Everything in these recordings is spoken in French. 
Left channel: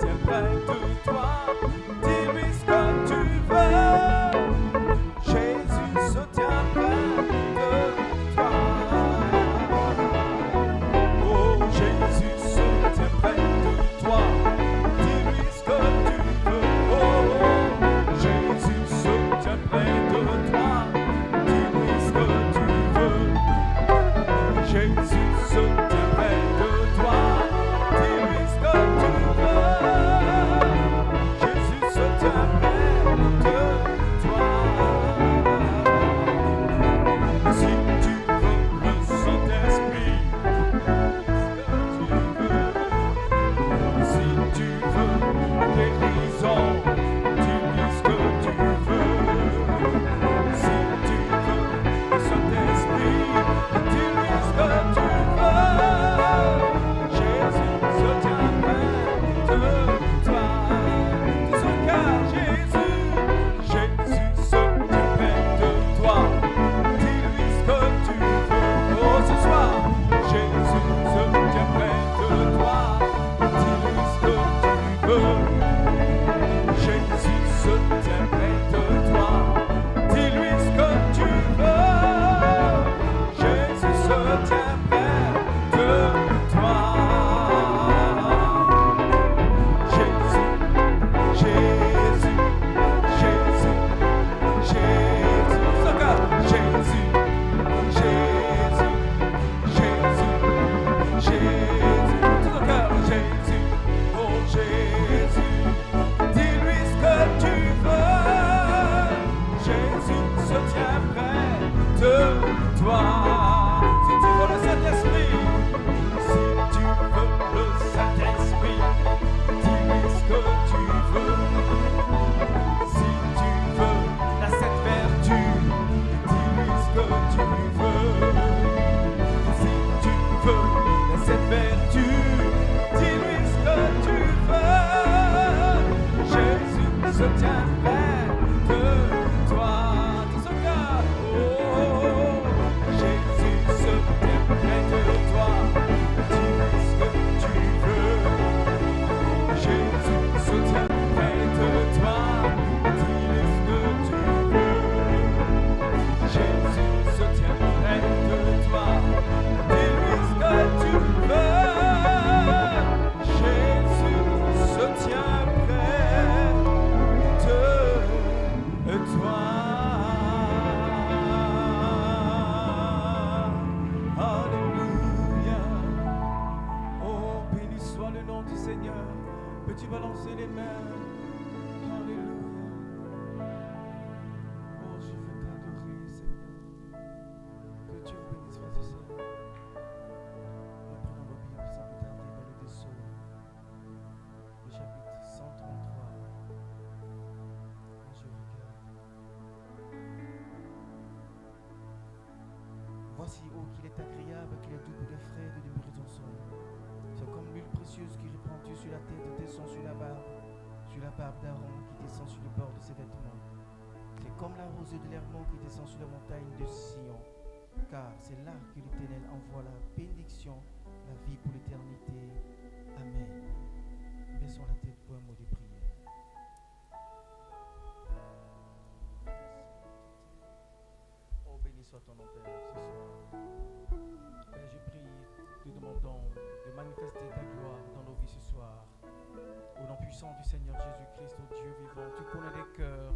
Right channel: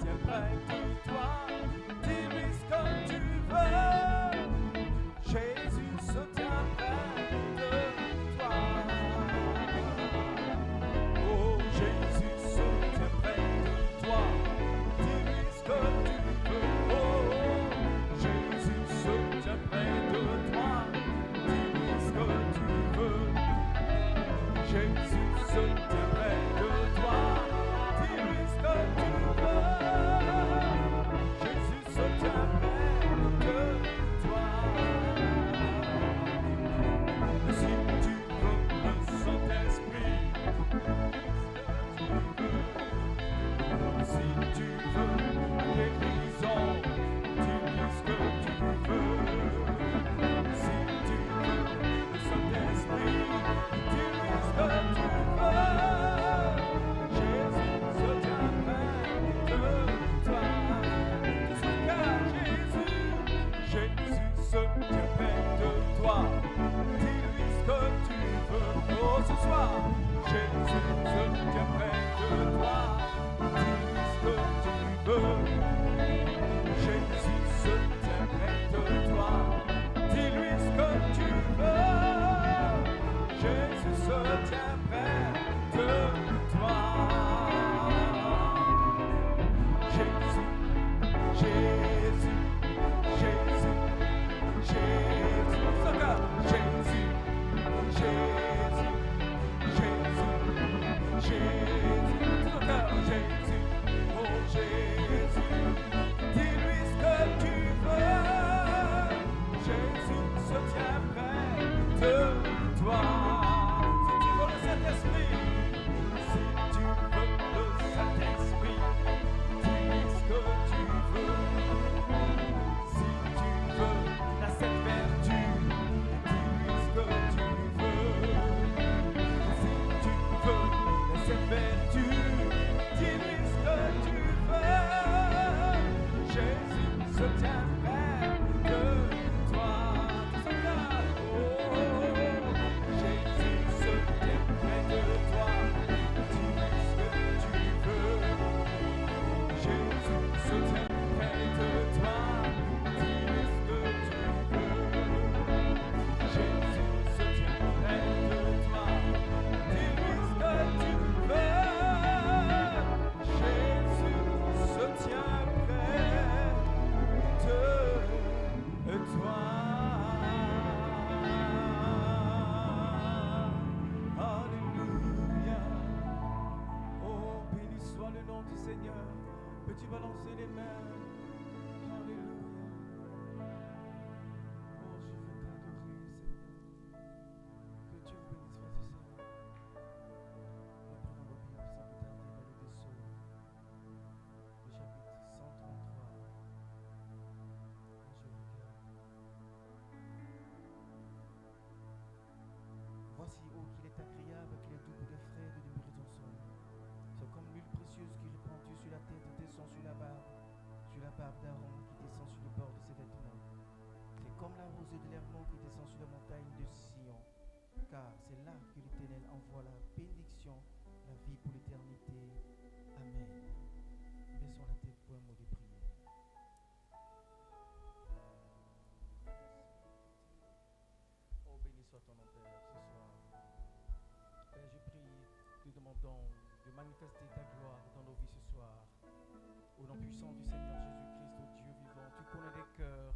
tient près de toi. Dis-lui ce que tu veux. Jésus se tient près de toi. Oh, Jésus se tient près de toi. Dis-lui ce que tu veux. Oh, Jésus se tient près de toi. Dis-lui ce que tu veux. Jésus se tient près de toi. Dis-lui ce que tu veux. Jésus se tient près de toi. Si tu veux le Saint-Esprit, ce que tu veux. Si tu veux la guérison, dis-lui ce que tu veux. Si tu veux le Saint-Esprit, dis-lui ce que tu veux. Jésus se tient près de toi. Dis son cœur, Jésus. Jésus se tient près de toi. Dis-lui ce que tu veux. Oh, ce soir, Jésus se tient près de toi. Dis-lui ce que tu veux. Jésus se tient près de toi. Dis-lui ce que tu veux. Jésus se tient près de toi. Jésus, Jésus, Jésus, Jésus. Son cœur. Jésus, Jésus, Jésus, Jésus. Son cœur. Jésus, oh Jésus. Dis-lui ce que tu veux. Jésus se tient près de toi. Si tu veux le Saint-Esprit, si tu veux le Saint-Esprit, dis-lui ce que tu veux. Si tu veux la cette vertu, dis-lui ce que tu veux. Si tu veux la cette vertu, dis-lui ce que tu veux. Jésus se tient près de toi. Dis son cœur. Oh, Jésus se tient près de toi. Dis-lui ce que tu veux. Jésus se tient près de toi. Dis-lui ce que tu veux. Jésus se tient près de toi. Dis-lui ce que tu veux. Jésus se tient près de toi. Alléluia. Oh, béni soit le nom du Seigneur. Peux-tu balancer les mains? Alléluia. Oh, je veux t'adorer, Seigneur. Que Dieu vous bénisse, frères et sœurs. Nous prenons nos Bibles sans plus tarder dans le vaisseau, le chapitre 133. Je regarde. Voici, oh, qu'il est agréable, qu'il est doux pour les frères de demeurer ensemble. C'est comme l'huile précieuse qui répandue sur la tête descend sur la barbe d'Aaron qui descend sur le bord de ses vêtements. C'est comme la rosée de l'Hermon qui descend sur la montagne de Sion. Car c'est là que l'Éternel envoie la bénédiction, la vie pour l'éternité. Amen. Baissons la tête pour un mot de prière. Oh, béni soit ton nom, Père, ce soir. Père, je prie, te demandons de manifester ta gloire dans nos vies ce soir. Au nom puissant du Seigneur Jésus-Christ, ô Dieu vivant, tu connais des cœurs,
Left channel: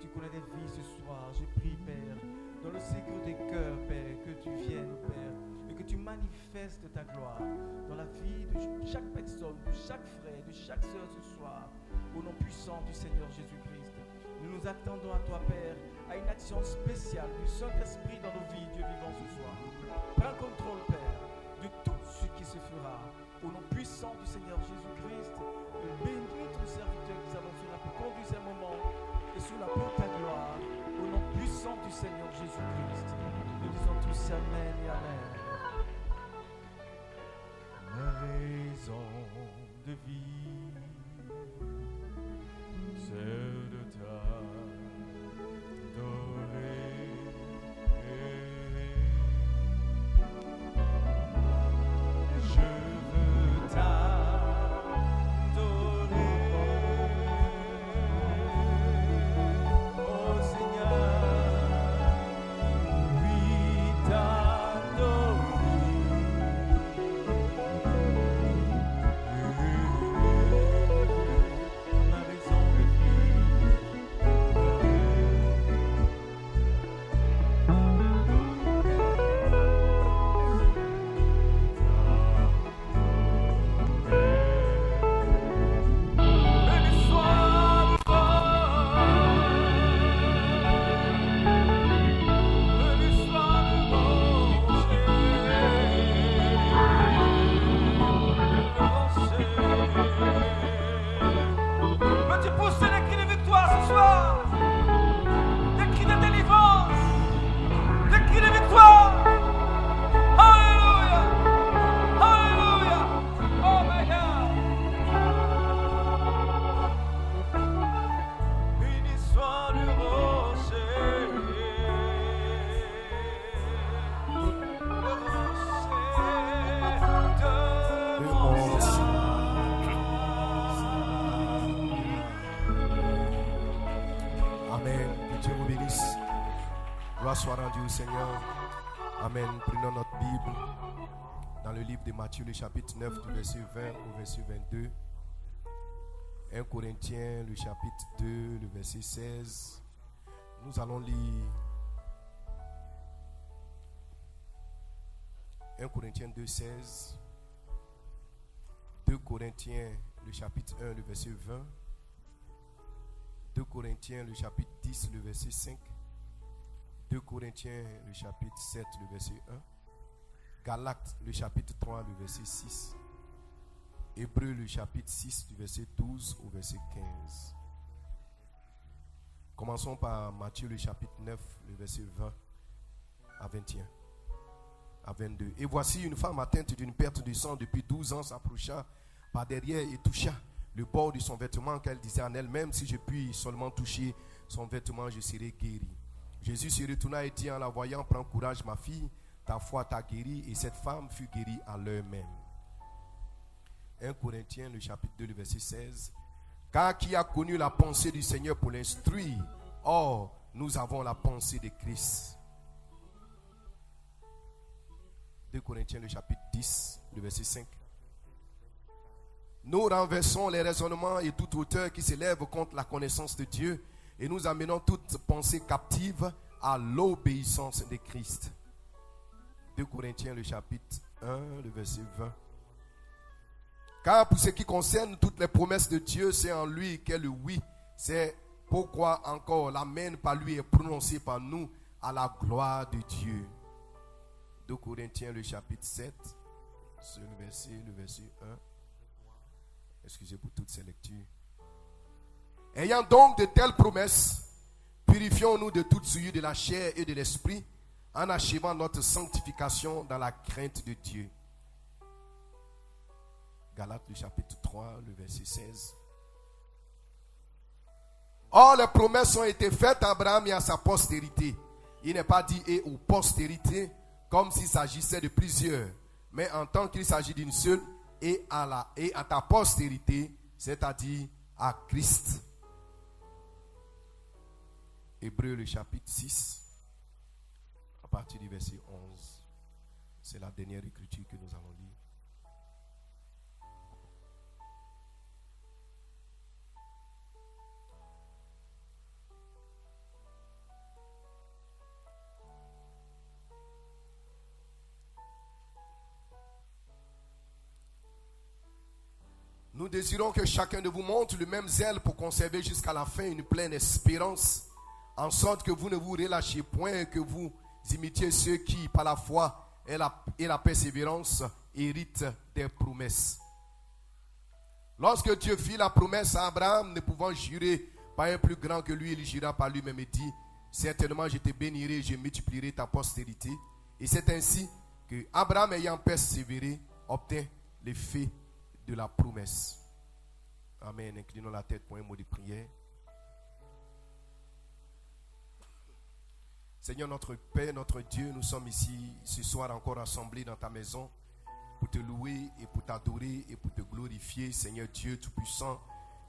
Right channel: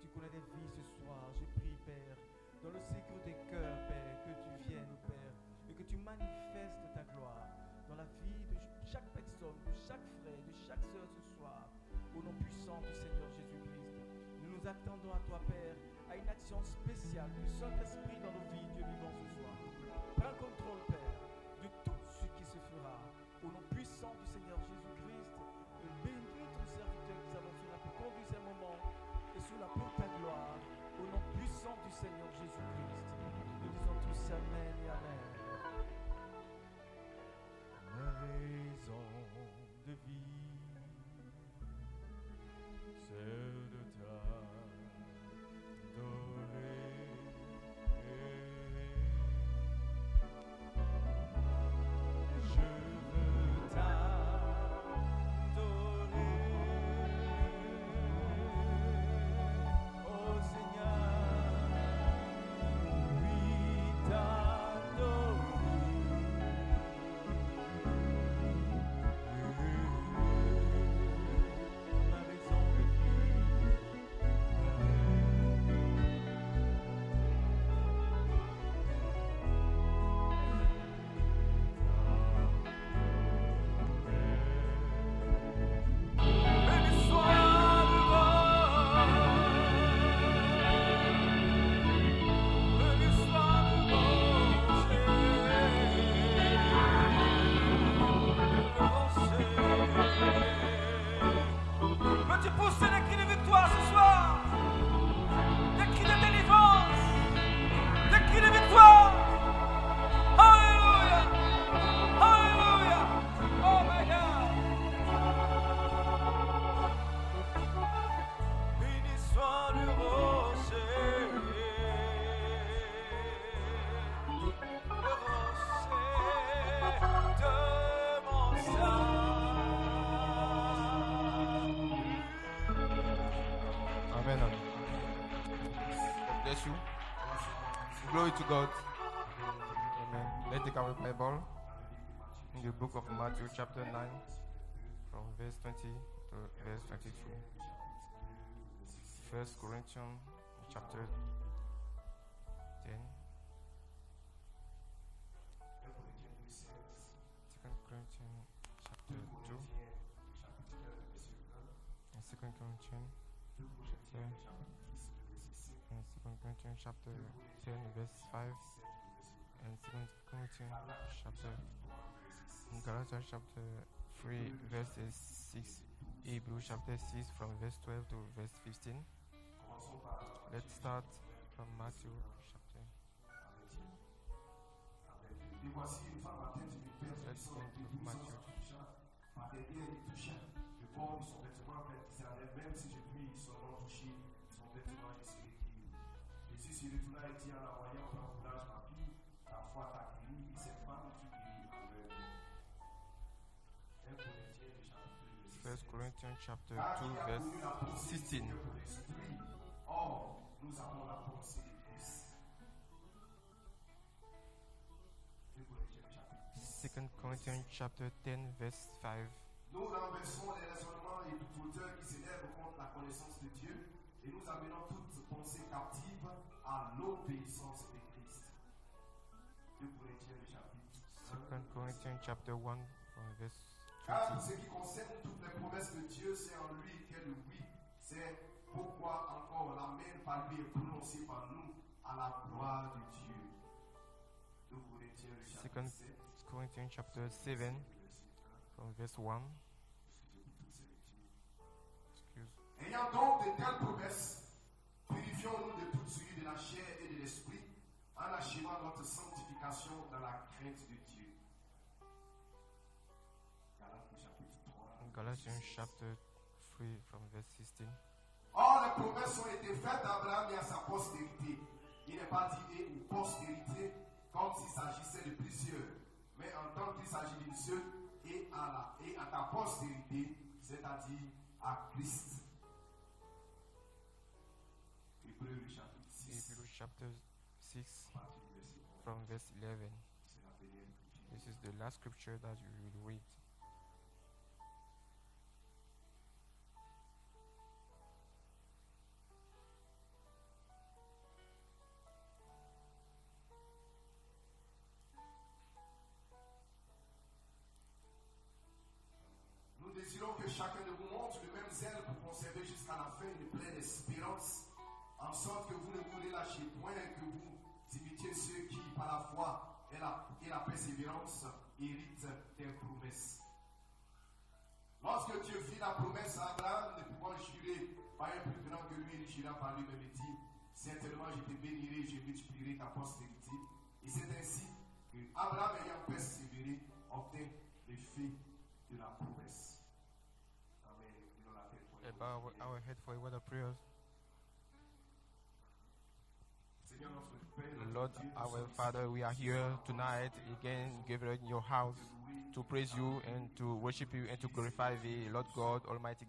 tu connais des vies ce soir. Je prie, Père, dans le secret des cœurs, Père, que tu viennes, Père, et que tu manifestes ta gloire dans la vie de chaque personne, de chaque frère, de chaque sœur ce soir. Au nom puissant du Seigneur Jésus-Christ, nous nous attendons à toi, Père, à une action spéciale du Saint-Esprit dans nos vies, Dieu vivant ce soir. Prends contrôle, Père, de tout ce qui se fera. Au nom puissant du Seigneur Jésus-Christ, bénis ton serviteur qui nous fait pour conduire ces moments et sous la pour ta gloire. Au nom puissant du Seigneur Jésus-Christ, nous disons tous Amen et Amen. Ma raison de vie, c'est de t'adorer. Je veux t'adorer. Seigneur. Glory to God. Amen. Prenons notre Bible Let's take our Bible dans le livre de Matthieu, le chapitre book of 9, Matthew, verset chapter 20 9. au verset 22. from verse 20 to 1 verse 20. Corinthiens, le chapitre 2, le verset 1 16. Corinthians Nous allons lire 10. 1 Corinthiens 2, 16. 2 2 Corinthiens, le chapitre 1, le verset 20. 2 Corinthiens, le chapitre 10, le verset 5. 2 Corinthiens, le chapitre 7, le verset 1. Galates, le chapitre 3, le verset 6. Hébreux, le chapitre 6, le verset 12 au verset 15. Commençons par Matthieu, le chapitre 9, le verset 20 à 21. À 22. Et voici une femme atteinte d'une perte de sang depuis 12 ans s'approcha par derrière et toucha le bord de son vêtement, qu'elle disait en elle-même, si je puis seulement toucher son vêtement, je serai guéri. Jésus se retourna et dit en la voyant, prends courage ma fille, ta foi t'a guéri, et cette femme fut guérie à l'heure même. 1 Corinthiens, le chapitre 2, le verset 16. Car qui a connu la pensée du Seigneur pour l'instruire? Or, nous avons la pensée de Christ. 2 Corinthiens, le chapitre 10, le verset 5. Nous renversons les raisonnements et toute hauteur qui s'élève contre la connaissance de Dieu, et nous amenons toute pensée captive à l'obéissance de Christ. 2 Corinthiens, le chapitre 1, le verset 20. Car pour ce qui concerne toutes les promesses de Dieu, c'est en lui qu'est le oui. C'est pourquoi encore l'amen par lui est prononcé par nous à la gloire de Dieu. 2 Corinthiens, le chapitre 7, le verset 1. Excusez pour toutes ces lectures. Ayant donc de telles promesses, purifions-nous de toute souillure de la chair et de l'esprit, en achevant notre sanctification dans la crainte de Dieu. Galates, le chapitre 3, le verset 16. Or, les promesses ont été faites à Abraham et à sa postérité. Il n'est pas dit et aux postérités, comme s'il s'agissait de plusieurs, mais en tant qu'il s'agit d'une seule, et à ta postérité, c'est-à-dire à Christ. Hébreux, le chapitre 6, à partir du verset 11. C'est la dernière écriture que nous avons lue. Nous désirons que chacun de vous montre le même zèle pour conserver jusqu'à la fin une pleine espérance, en sorte que vous ne vous relâchiez point et que vous imitiez ceux qui, par la foi et la persévérance, héritent des promesses. Lorsque Dieu fit la promesse à Abraham, ne pouvant jurer par un plus grand que lui, il jura par lui-même et dit, certainement je te bénirai et je multiplierai ta postérité. Et c'est ainsi que Abraham, ayant persévéré, obtint l'effet de la promesse. Amen. Inclinons la tête pour un mot de prière. Seigneur notre Père, notre Dieu, nous sommes ici ce soir encore rassemblés dans ta maison pour te louer et pour t'adorer et pour te glorifier, Seigneur Dieu Tout-Puissant.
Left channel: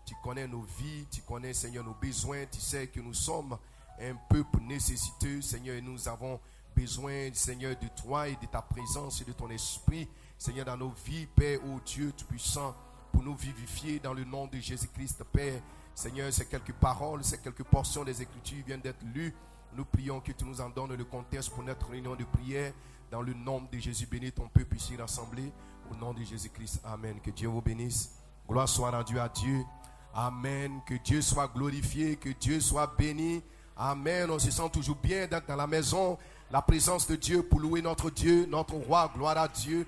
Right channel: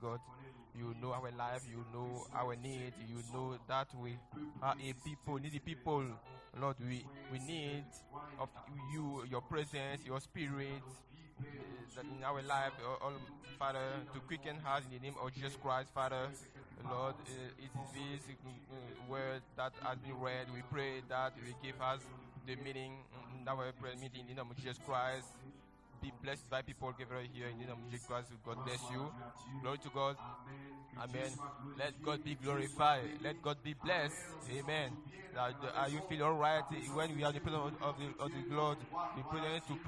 Tu connais nos vies, tu connais, Seigneur, nos besoins. Tu sais que nous sommes un peuple nécessiteux, Seigneur, et nous avons besoin, Seigneur, de toi et de ta présence et de ton esprit, Seigneur, dans nos vies, Père, ô Dieu Tout-Puissant, pour nous vivifier dans le nom de Jésus-Christ, Père. Seigneur, ces quelques paroles, ces quelques portions des Écritures viennent d'être lues. Nous prions que tu nous en donnes le contexte pour notre réunion de prière. Dans le nom de Jésus, bénis ton peuple ici rassemblé. Au nom de Jésus-Christ, Amen. Que Dieu vous bénisse. Gloire soit rendue à Dieu. Amen. Que Dieu soit glorifié, que Dieu soit béni. Amen. On se sent toujours bien d'être dans la maison, la présence de Dieu pour louer notre Dieu, notre roi. Gloire à Dieu.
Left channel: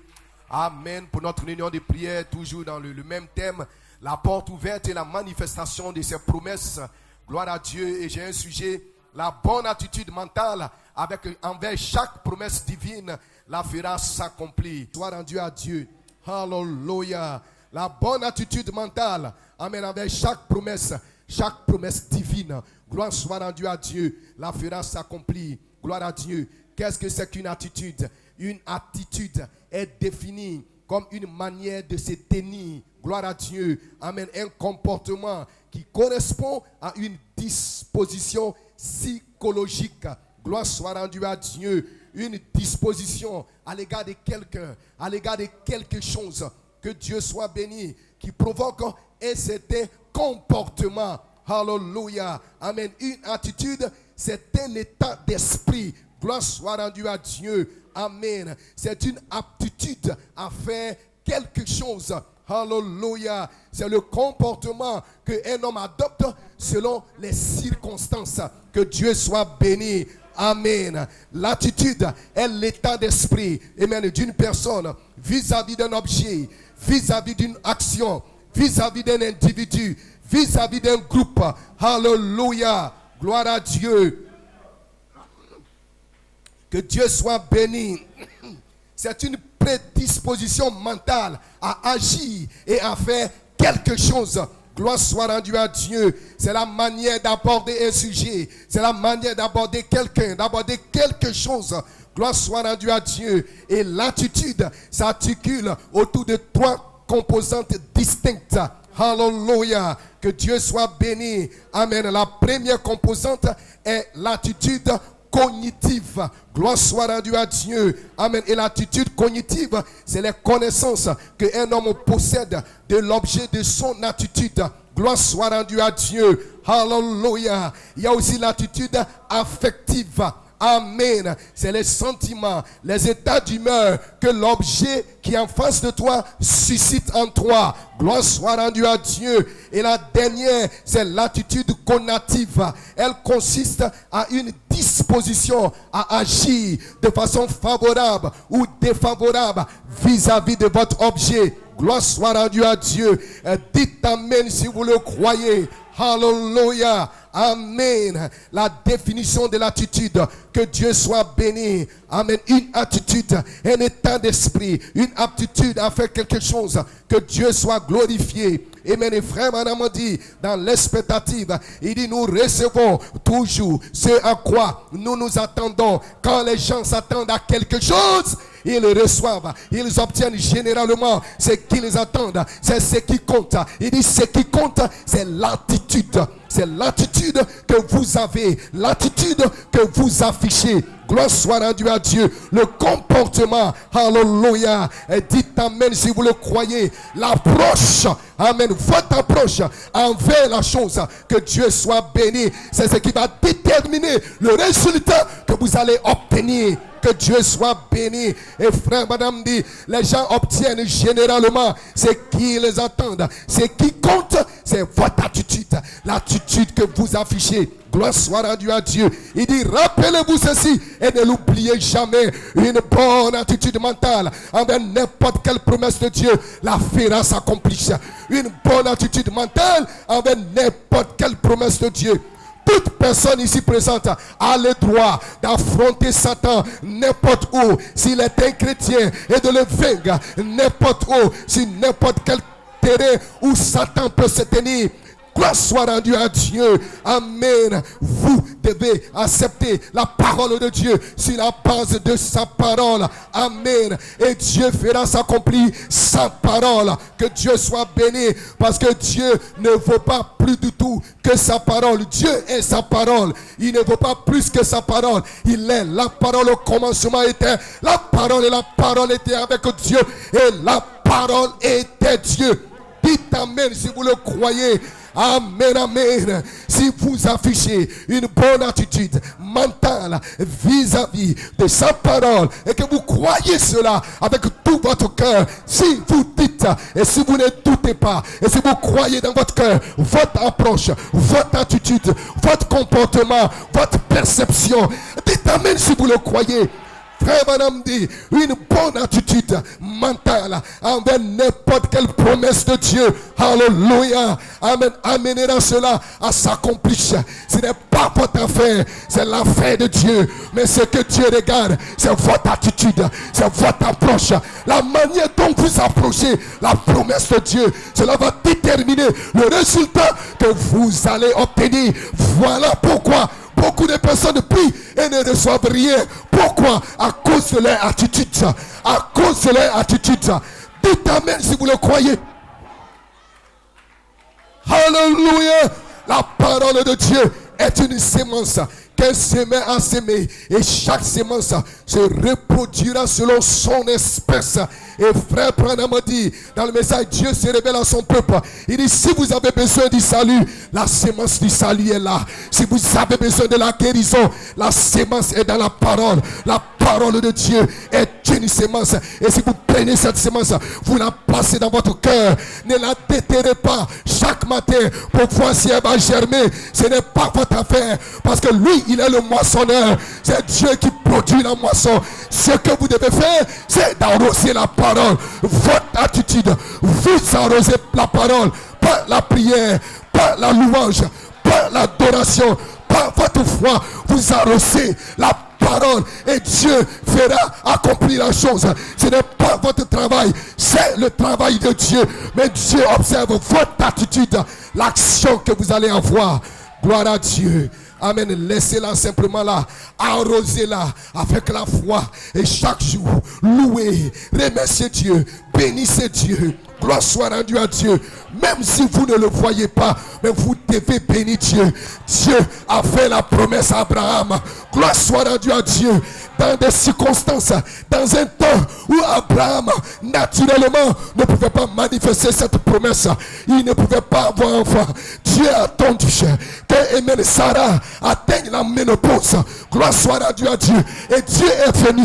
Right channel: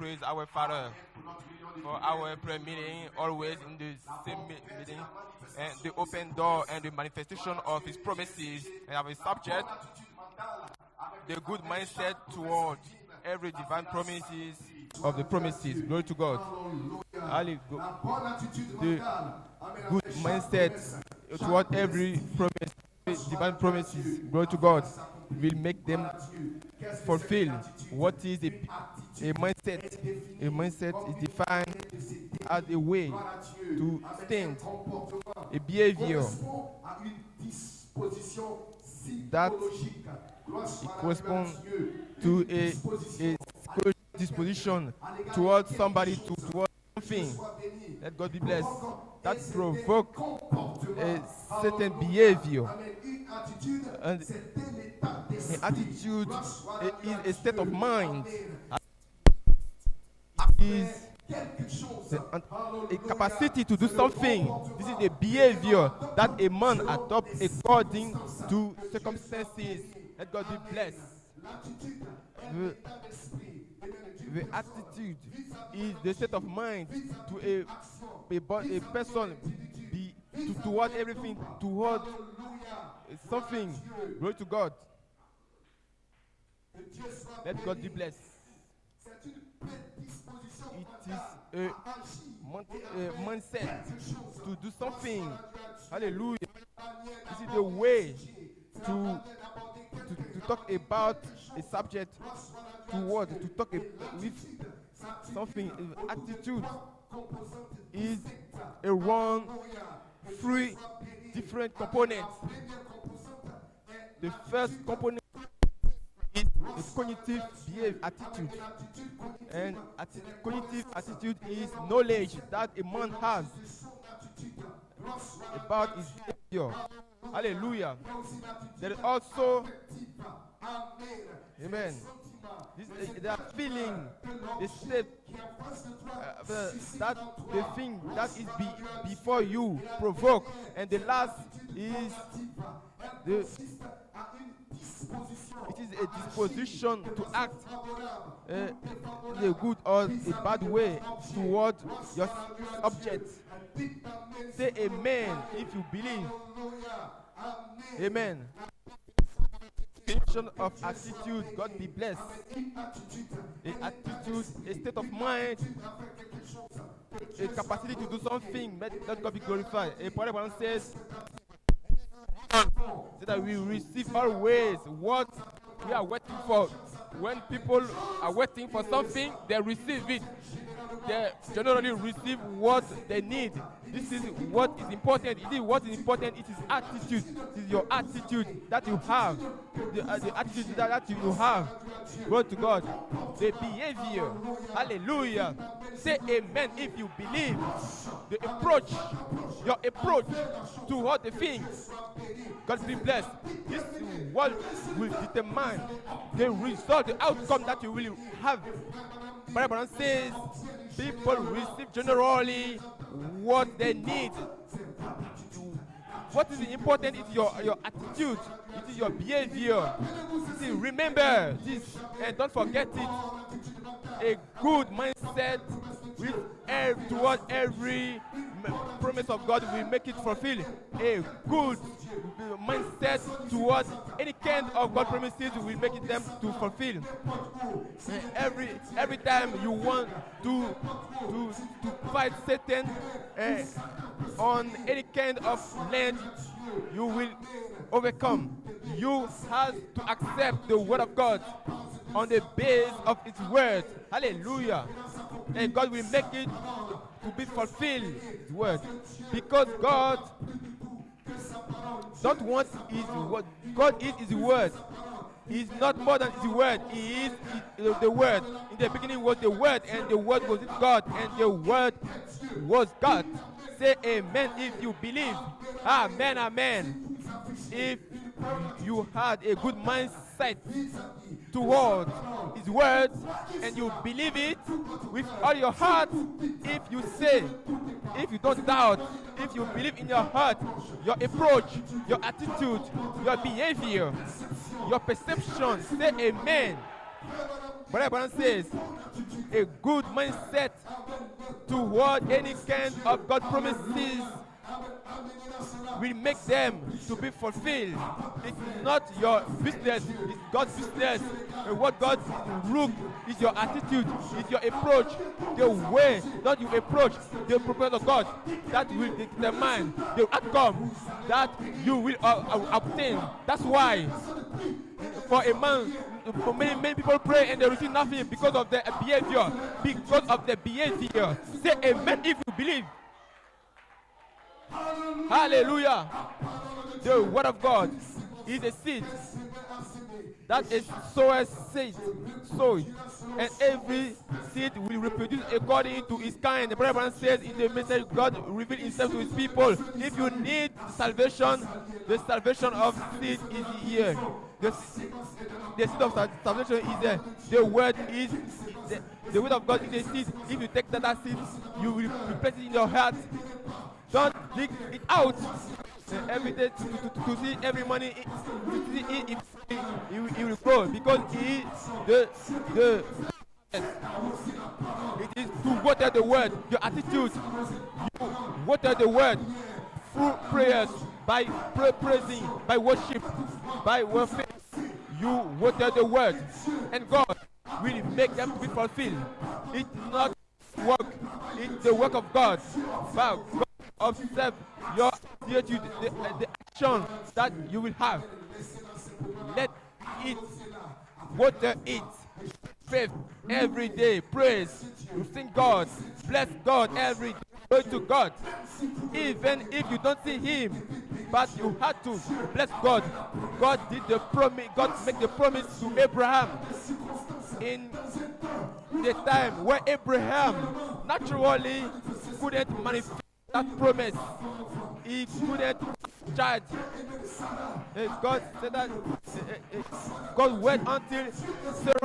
Amen. Pour notre réunion de prière, toujours dans le même thème, la porte ouverte et la manifestation de ses promesses. Gloire à Dieu. Et j'ai un sujet, la bonne attitude mentale envers chaque promesse divine, la fera s'accomplir. Gloire à Dieu. Alléluia. La bonne attitude mentale, amen, avec chaque promesse divine. Gloire soit à Dieu. La fera s'accomplir. Gloire à Dieu. Qu'est-ce que c'est qu'une attitude? Une attitude est définie comme une manière de se tenir. Gloire à Dieu. Amen. Un comportement correspond à une disposition psychologique Gloire soit rendue à respond Dieu. Une to a disposition à l'égard de quelqu'un, disposition à l'égard de towards quelque somebody, chose. towards Que Dieu soit béni. Let God Qui be blessed. provoque un That certain provoke comportement. a certain Alléluia. behavior. Amen. Une attitude, And c'est un état d'esprit. attitude, Gloire soit rendue à a state Dieu. of mind. Amen. C'est une aptitude à faire quelque chose. Alléluia. capacity to C'est do le something. comportement It is a qu'un homme behavior adopte that a man selon adopts les according circonstances. to Que Dieu soit béni. God be Amen. L'attitude est l'état d'esprit, amen, d'une personne vis-à-vis d'un objet, vis-à-vis d'une action, vis-à-vis d'un individu, vis-à-vis d'un groupe. Alléluia. Gloire à Dieu. Glory to God. Que Dieu soit béni. C'est une prédisposition mentale à agir et à faire quelque chose. Gloire soit rendue à Dieu. C'est la manière d'aborder un sujet. C'est la manière d'aborder quelqu'un, d'aborder quelque chose. Gloire soit rendue à Dieu. Et l'attitude s'articule autour de trois composantes distinctes. Alléluia. Que Dieu soit béni. Amen. La première composante est l'attitude cognitive. Gloire soit rendue à Dieu. Amen. Et l'attitude cognitive, c'est les connaissances qu'un homme possède de l'objet de son attitude. Gloire soit rendue à Dieu. Alléluia. Il y a aussi l'attitude affective. Amen. C'est les sentiments, les états d'humeur que l'objet qui est en face de toi suscite en toi. Gloire soit rendue à Dieu. Et la dernière, c'est l'attitude connative. Elle consiste à une disposition à agir de façon favorable ou défavorable vis-à-vis de votre objet. Gloire soit rendue à Dieu. Dites Amen si vous le croyez. Alléluia. Amen. La définition de l'attitude. Que Dieu soit béni. Amen. Une attitude, un état d'esprit, une aptitude à faire quelque chose. Que Dieu soit glorifié. Amen. Et frère Madame dit dans l'expectative, il dit nous recevons toujours ce à quoi nous nous attendons. Quand les gens s'attendent à quelque chose, ils le reçoivent. Ils obtiennent généralement ce qu'ils attendent. C'est ce qui compte. Il dit ce qui compte, c'est l'attitude. C'est l'attitude que vous avez, l'attitude que vous affichez. Gloire soit rendue à Dieu. Le comportement, alléluia. Et dites Amen si vous le croyez. L'approche, Amen, votre approche envers la chose. Que Dieu soit béni. C'est ce qui va déterminer le résultat que vous allez obtenir. Que Dieu soit béni. Et frère, madame dit, les gens obtiennent généralement ce qu'ils attendent. Ce qui compte, c'est votre attitude. L'attitude que vous affichez. Gloire soit rendue à Dieu. Il dit, rappelez-vous ceci et ne l'oubliez jamais. Une bonne attitude mentale envers n'importe quelle promesse de Dieu la fera s'accomplir. Une bonne attitude mentale envers n'importe quelle promesse de Dieu. Toute personne ici présente a le droit d'affronter Satan n'importe où, s'il est un chrétien, et de le vaincre n'importe où, sur n'importe quel terrain où Satan peut se tenir. Gloire soit rendue à Dieu. Amen. Vous devez accepter la parole de Dieu sur la base de sa parole. Amen. Et Dieu fera s'accomplir sa parole. Que Dieu soit béni, parce que Dieu ne veut pas plus du tout que sa parole. Dieu est sa parole. Il ne veut pas plus que sa parole. Il est la parole au commencement était. La parole et la parole était avec Dieu. Et la parole était Dieu. Dites Amen si vous le croyez. Amen, amen. Si vous affichez une bonne attitude mentale vis-à-vis de sa parole et que vous croyez cela avec tout votre cœur, si vous dites et si vous ne doutez pas et si vous croyez dans votre cœur, votre approche, votre attitude, votre comportement, votre perception, dites Amen si vous le croyez. Frère, madame dit, une bonne attitude mentale envers n'importe quelle promesse de Dieu. Alléluia. Amen. Amènera cela à s'accomplir. Ce n'est pas votre affaire, c'est l'affaire de Dieu. Mais ce que Dieu regarde, c'est votre attitude, c'est votre approche. La manière dont vous approchez la promesse de Dieu, cela va déterminer le résultat que vous allez obtenir. Voilà pourquoi beaucoup de personnes prient et ne reçoivent rien. Pourquoi? À cause de leur attitude. À cause de leur attitude. Dites Amen si vous le croyez. Alléluia. La parole parole de Dieu est une sémence qu'un semeur a semé. Et chaque sémence se reproduira selon son espèce. Et frère Branham dit, dans le message, Dieu se révèle à son peuple. Il dit, si vous avez besoin du salut, la sémence du salut est là. Si vous avez besoin de la guérison, la sémence est dans la parole. La parole de Dieu est une sémence. Et si vous prenez cette sémence, vous la placez dans votre cœur. Ne la déterrez pas chaque matin pour voir si elle va germer. Ce n'est pas votre affaire. Parce que lui, il est le moissonneur. C'est Dieu qui produit la moisson. Ce que vous devez faire, c'est d'arroser la parole. Votre attitude, vous arrosez la parole par la prière, par la louange, par l'adoration, par votre foi. Vous arrosez la parole et Dieu fera accomplir la chose. Ce n'est pas votre travail, c'est le travail de Dieu. Mais Dieu observe votre attitude, l'action que vous allez avoir. Gloire à Dieu. Amen. Laissez-la simplement là. Arrosez-la avec la foi. Et chaque jour, louez, remerciez Dieu, bénissez Dieu. Gloire soit rendue à Dieu. Même si vous ne le voyez pas, mais vous devez bénir Dieu. Dieu a fait la promesse à Abraham. Gloire soit rendue à Dieu. Dans des circonstances, dans un temps où Abraham, naturellement, ne pouvait pas manifester cette promesse. Il ne pouvait pas avoir enfant. Dieu a attendu que Amen, Sarah atteigne la ménopause. Gloire soit rendue à Dieu. Et Dieu est venu.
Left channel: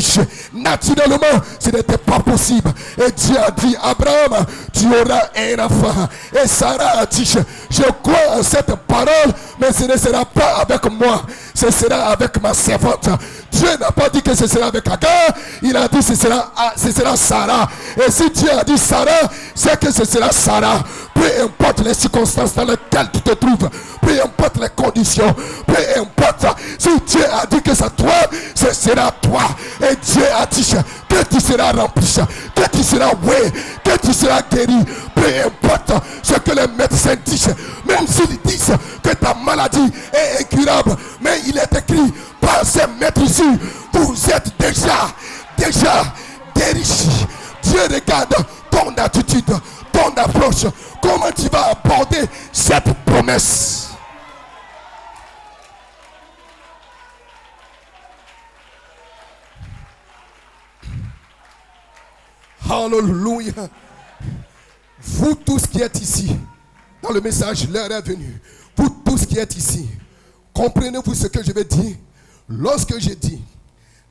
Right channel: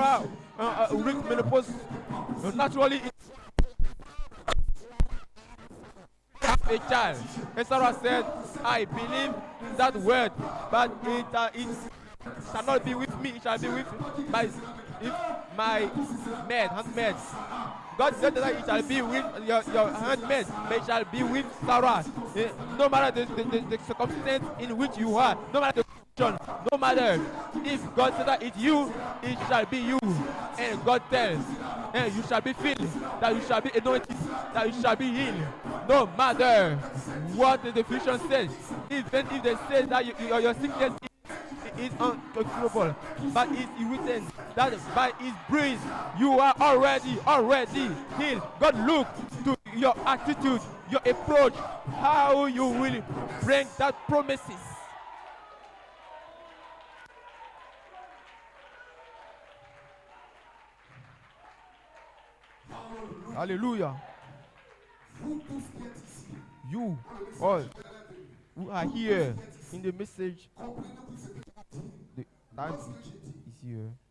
Naturellement, ce n'était pas possible. Et Dieu a dit, Abraham, tu auras un enfant. Et Sarah a dit, je crois en cette parole, mais ce ne sera pas avec moi. Ce sera avec ma servante. Dieu n'a pas dit que ce sera avec Agar. Il a dit, ce sera Sarah. Et si Dieu a dit Sarah, c'est que ce sera Sarah. Peu importe les circonstances dans lesquelles tu te trouves, peu importe les conditions, peu importe. Si Dieu a dit que c'est toi, ce sera toi. Et Dieu a dit que tu seras rempli, que tu seras oué, que tu seras guéri. Peu importe ce que les médecins disent, même s'ils disent que ta maladie est incurable, mais il est écrit par ces maîtres ici, vous êtes déjà guéri. Dieu regarde ton attitude, ton approche, comment tu vas aborder cette promesse. Alléluia. Vous tous qui êtes ici, dans le message, l'heure est venue. Vous tous qui êtes ici, comprenez-vous ce que je vais dire? Lorsque je dis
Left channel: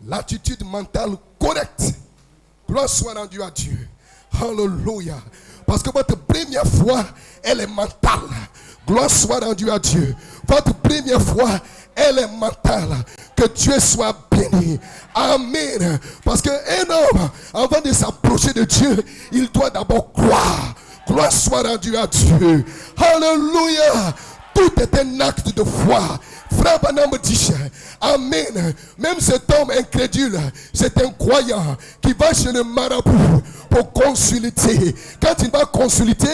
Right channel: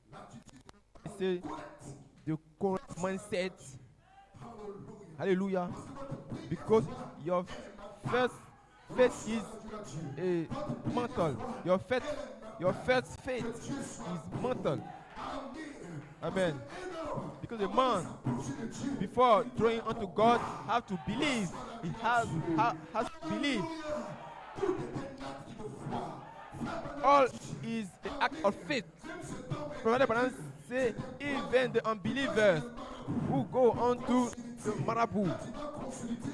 l'attitude mentale correcte, gloire soit rendue à Dieu. Alléluia. Parce que votre première foi, elle est mentale. Gloire soit rendue à Dieu. Votre première foi, elle est mentale. Que Dieu soit béni. Amen. Parce qu'un homme, avant de s'approcher de Dieu, il doit d'abord croire. Gloire soit rendue à Dieu. Alléluia. Tout est un acte de foi. Frère Branham dit, amen. Même cet homme incrédule, c'est un croyant qui va chez le marabout pour consulter. Quand il va consulter,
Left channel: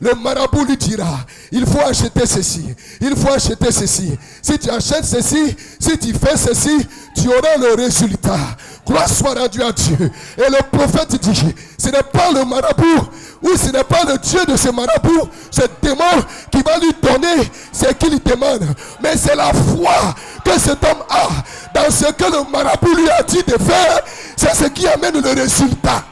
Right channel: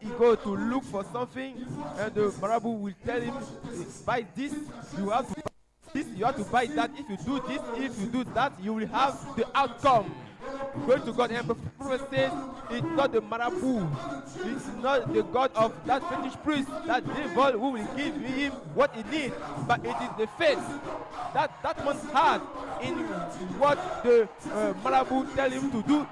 le marabout lui dira, il faut acheter ceci, il faut acheter ceci. Si tu achètes ceci, si tu fais ceci, tu auras le résultat. Gloire soit rendue à Dieu. Et le prophète dit, ce n'est pas le marabout, ou ce n'est pas le Dieu de ce marabout, ce démon qui va lui donner ce qu'il demande. Mais c'est la foi que cet homme a dans ce que le marabout lui a dit de faire. C'est ce qui amène le résultat.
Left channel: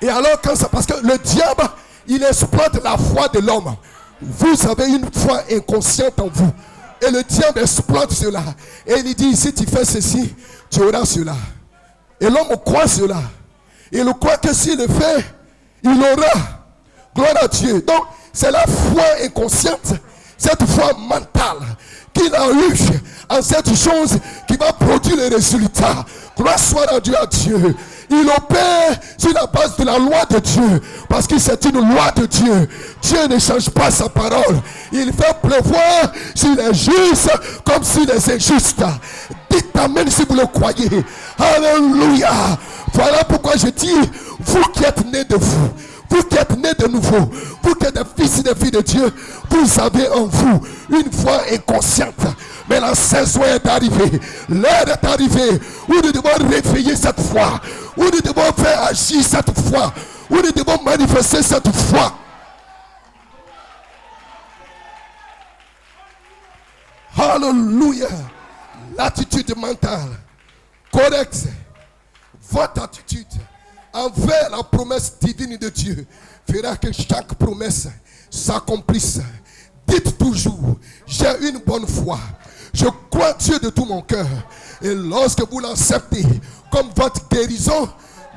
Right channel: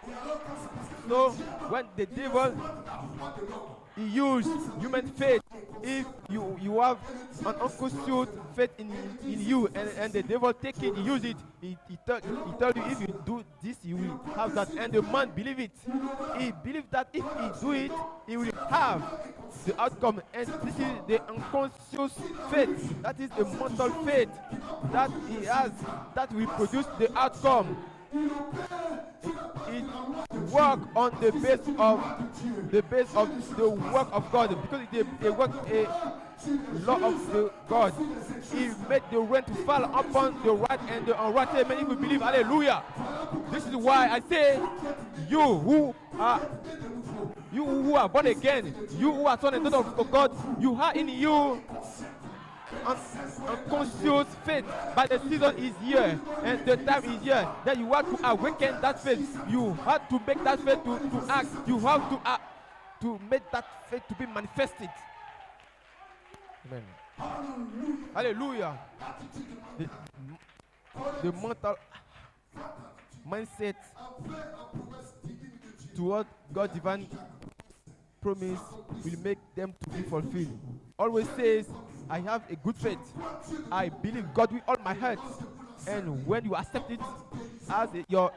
Et alors quand ça, parce que le diable, il exploite la foi de l'homme. Vous avez une foi inconsciente en vous. Et le diable exploite cela. Et il dit, si tu fais ceci, tu auras cela. Et l'homme croit cela. Il croit que s'il le fait, il aura. Gloire à Dieu. Donc, c'est la foi inconsciente, cette foi mentale qu'il a eue en cette chose qui va produire les résultats. Gloire soit rendue à Dieu. Il opère sur la base de la loi de Dieu, parce que c'est une loi de Dieu. Dieu ne change pas sa parole. Il fait pleuvoir sur les justes comme sur les injustes. Dites amen si vous le croyez. Alléluia. Voilà pourquoi je dis, vous qui êtes nés de vous, vous qui êtes nés de nouveau, vous qui êtes des fils et des filles de Dieu, vous avez en vous une foi inconsciente. Mais la saison est arrivée. L'heure est arrivée où nous devons réveiller cette foi. Où nous devons faire agir cette foi. Où nous devons manifester cette foi. faith to be manifested. Hallelujah. Hallelujah. L'attitude mentale correcte, votre attitude Mindset envers la promesse divine de Dieu fera que chaque promesse s'accomplisse. Dites toujours, j'ai une bonne foi. Je crois Dieu de tout mon cœur. Et lorsque vous l'acceptez comme votre guérison,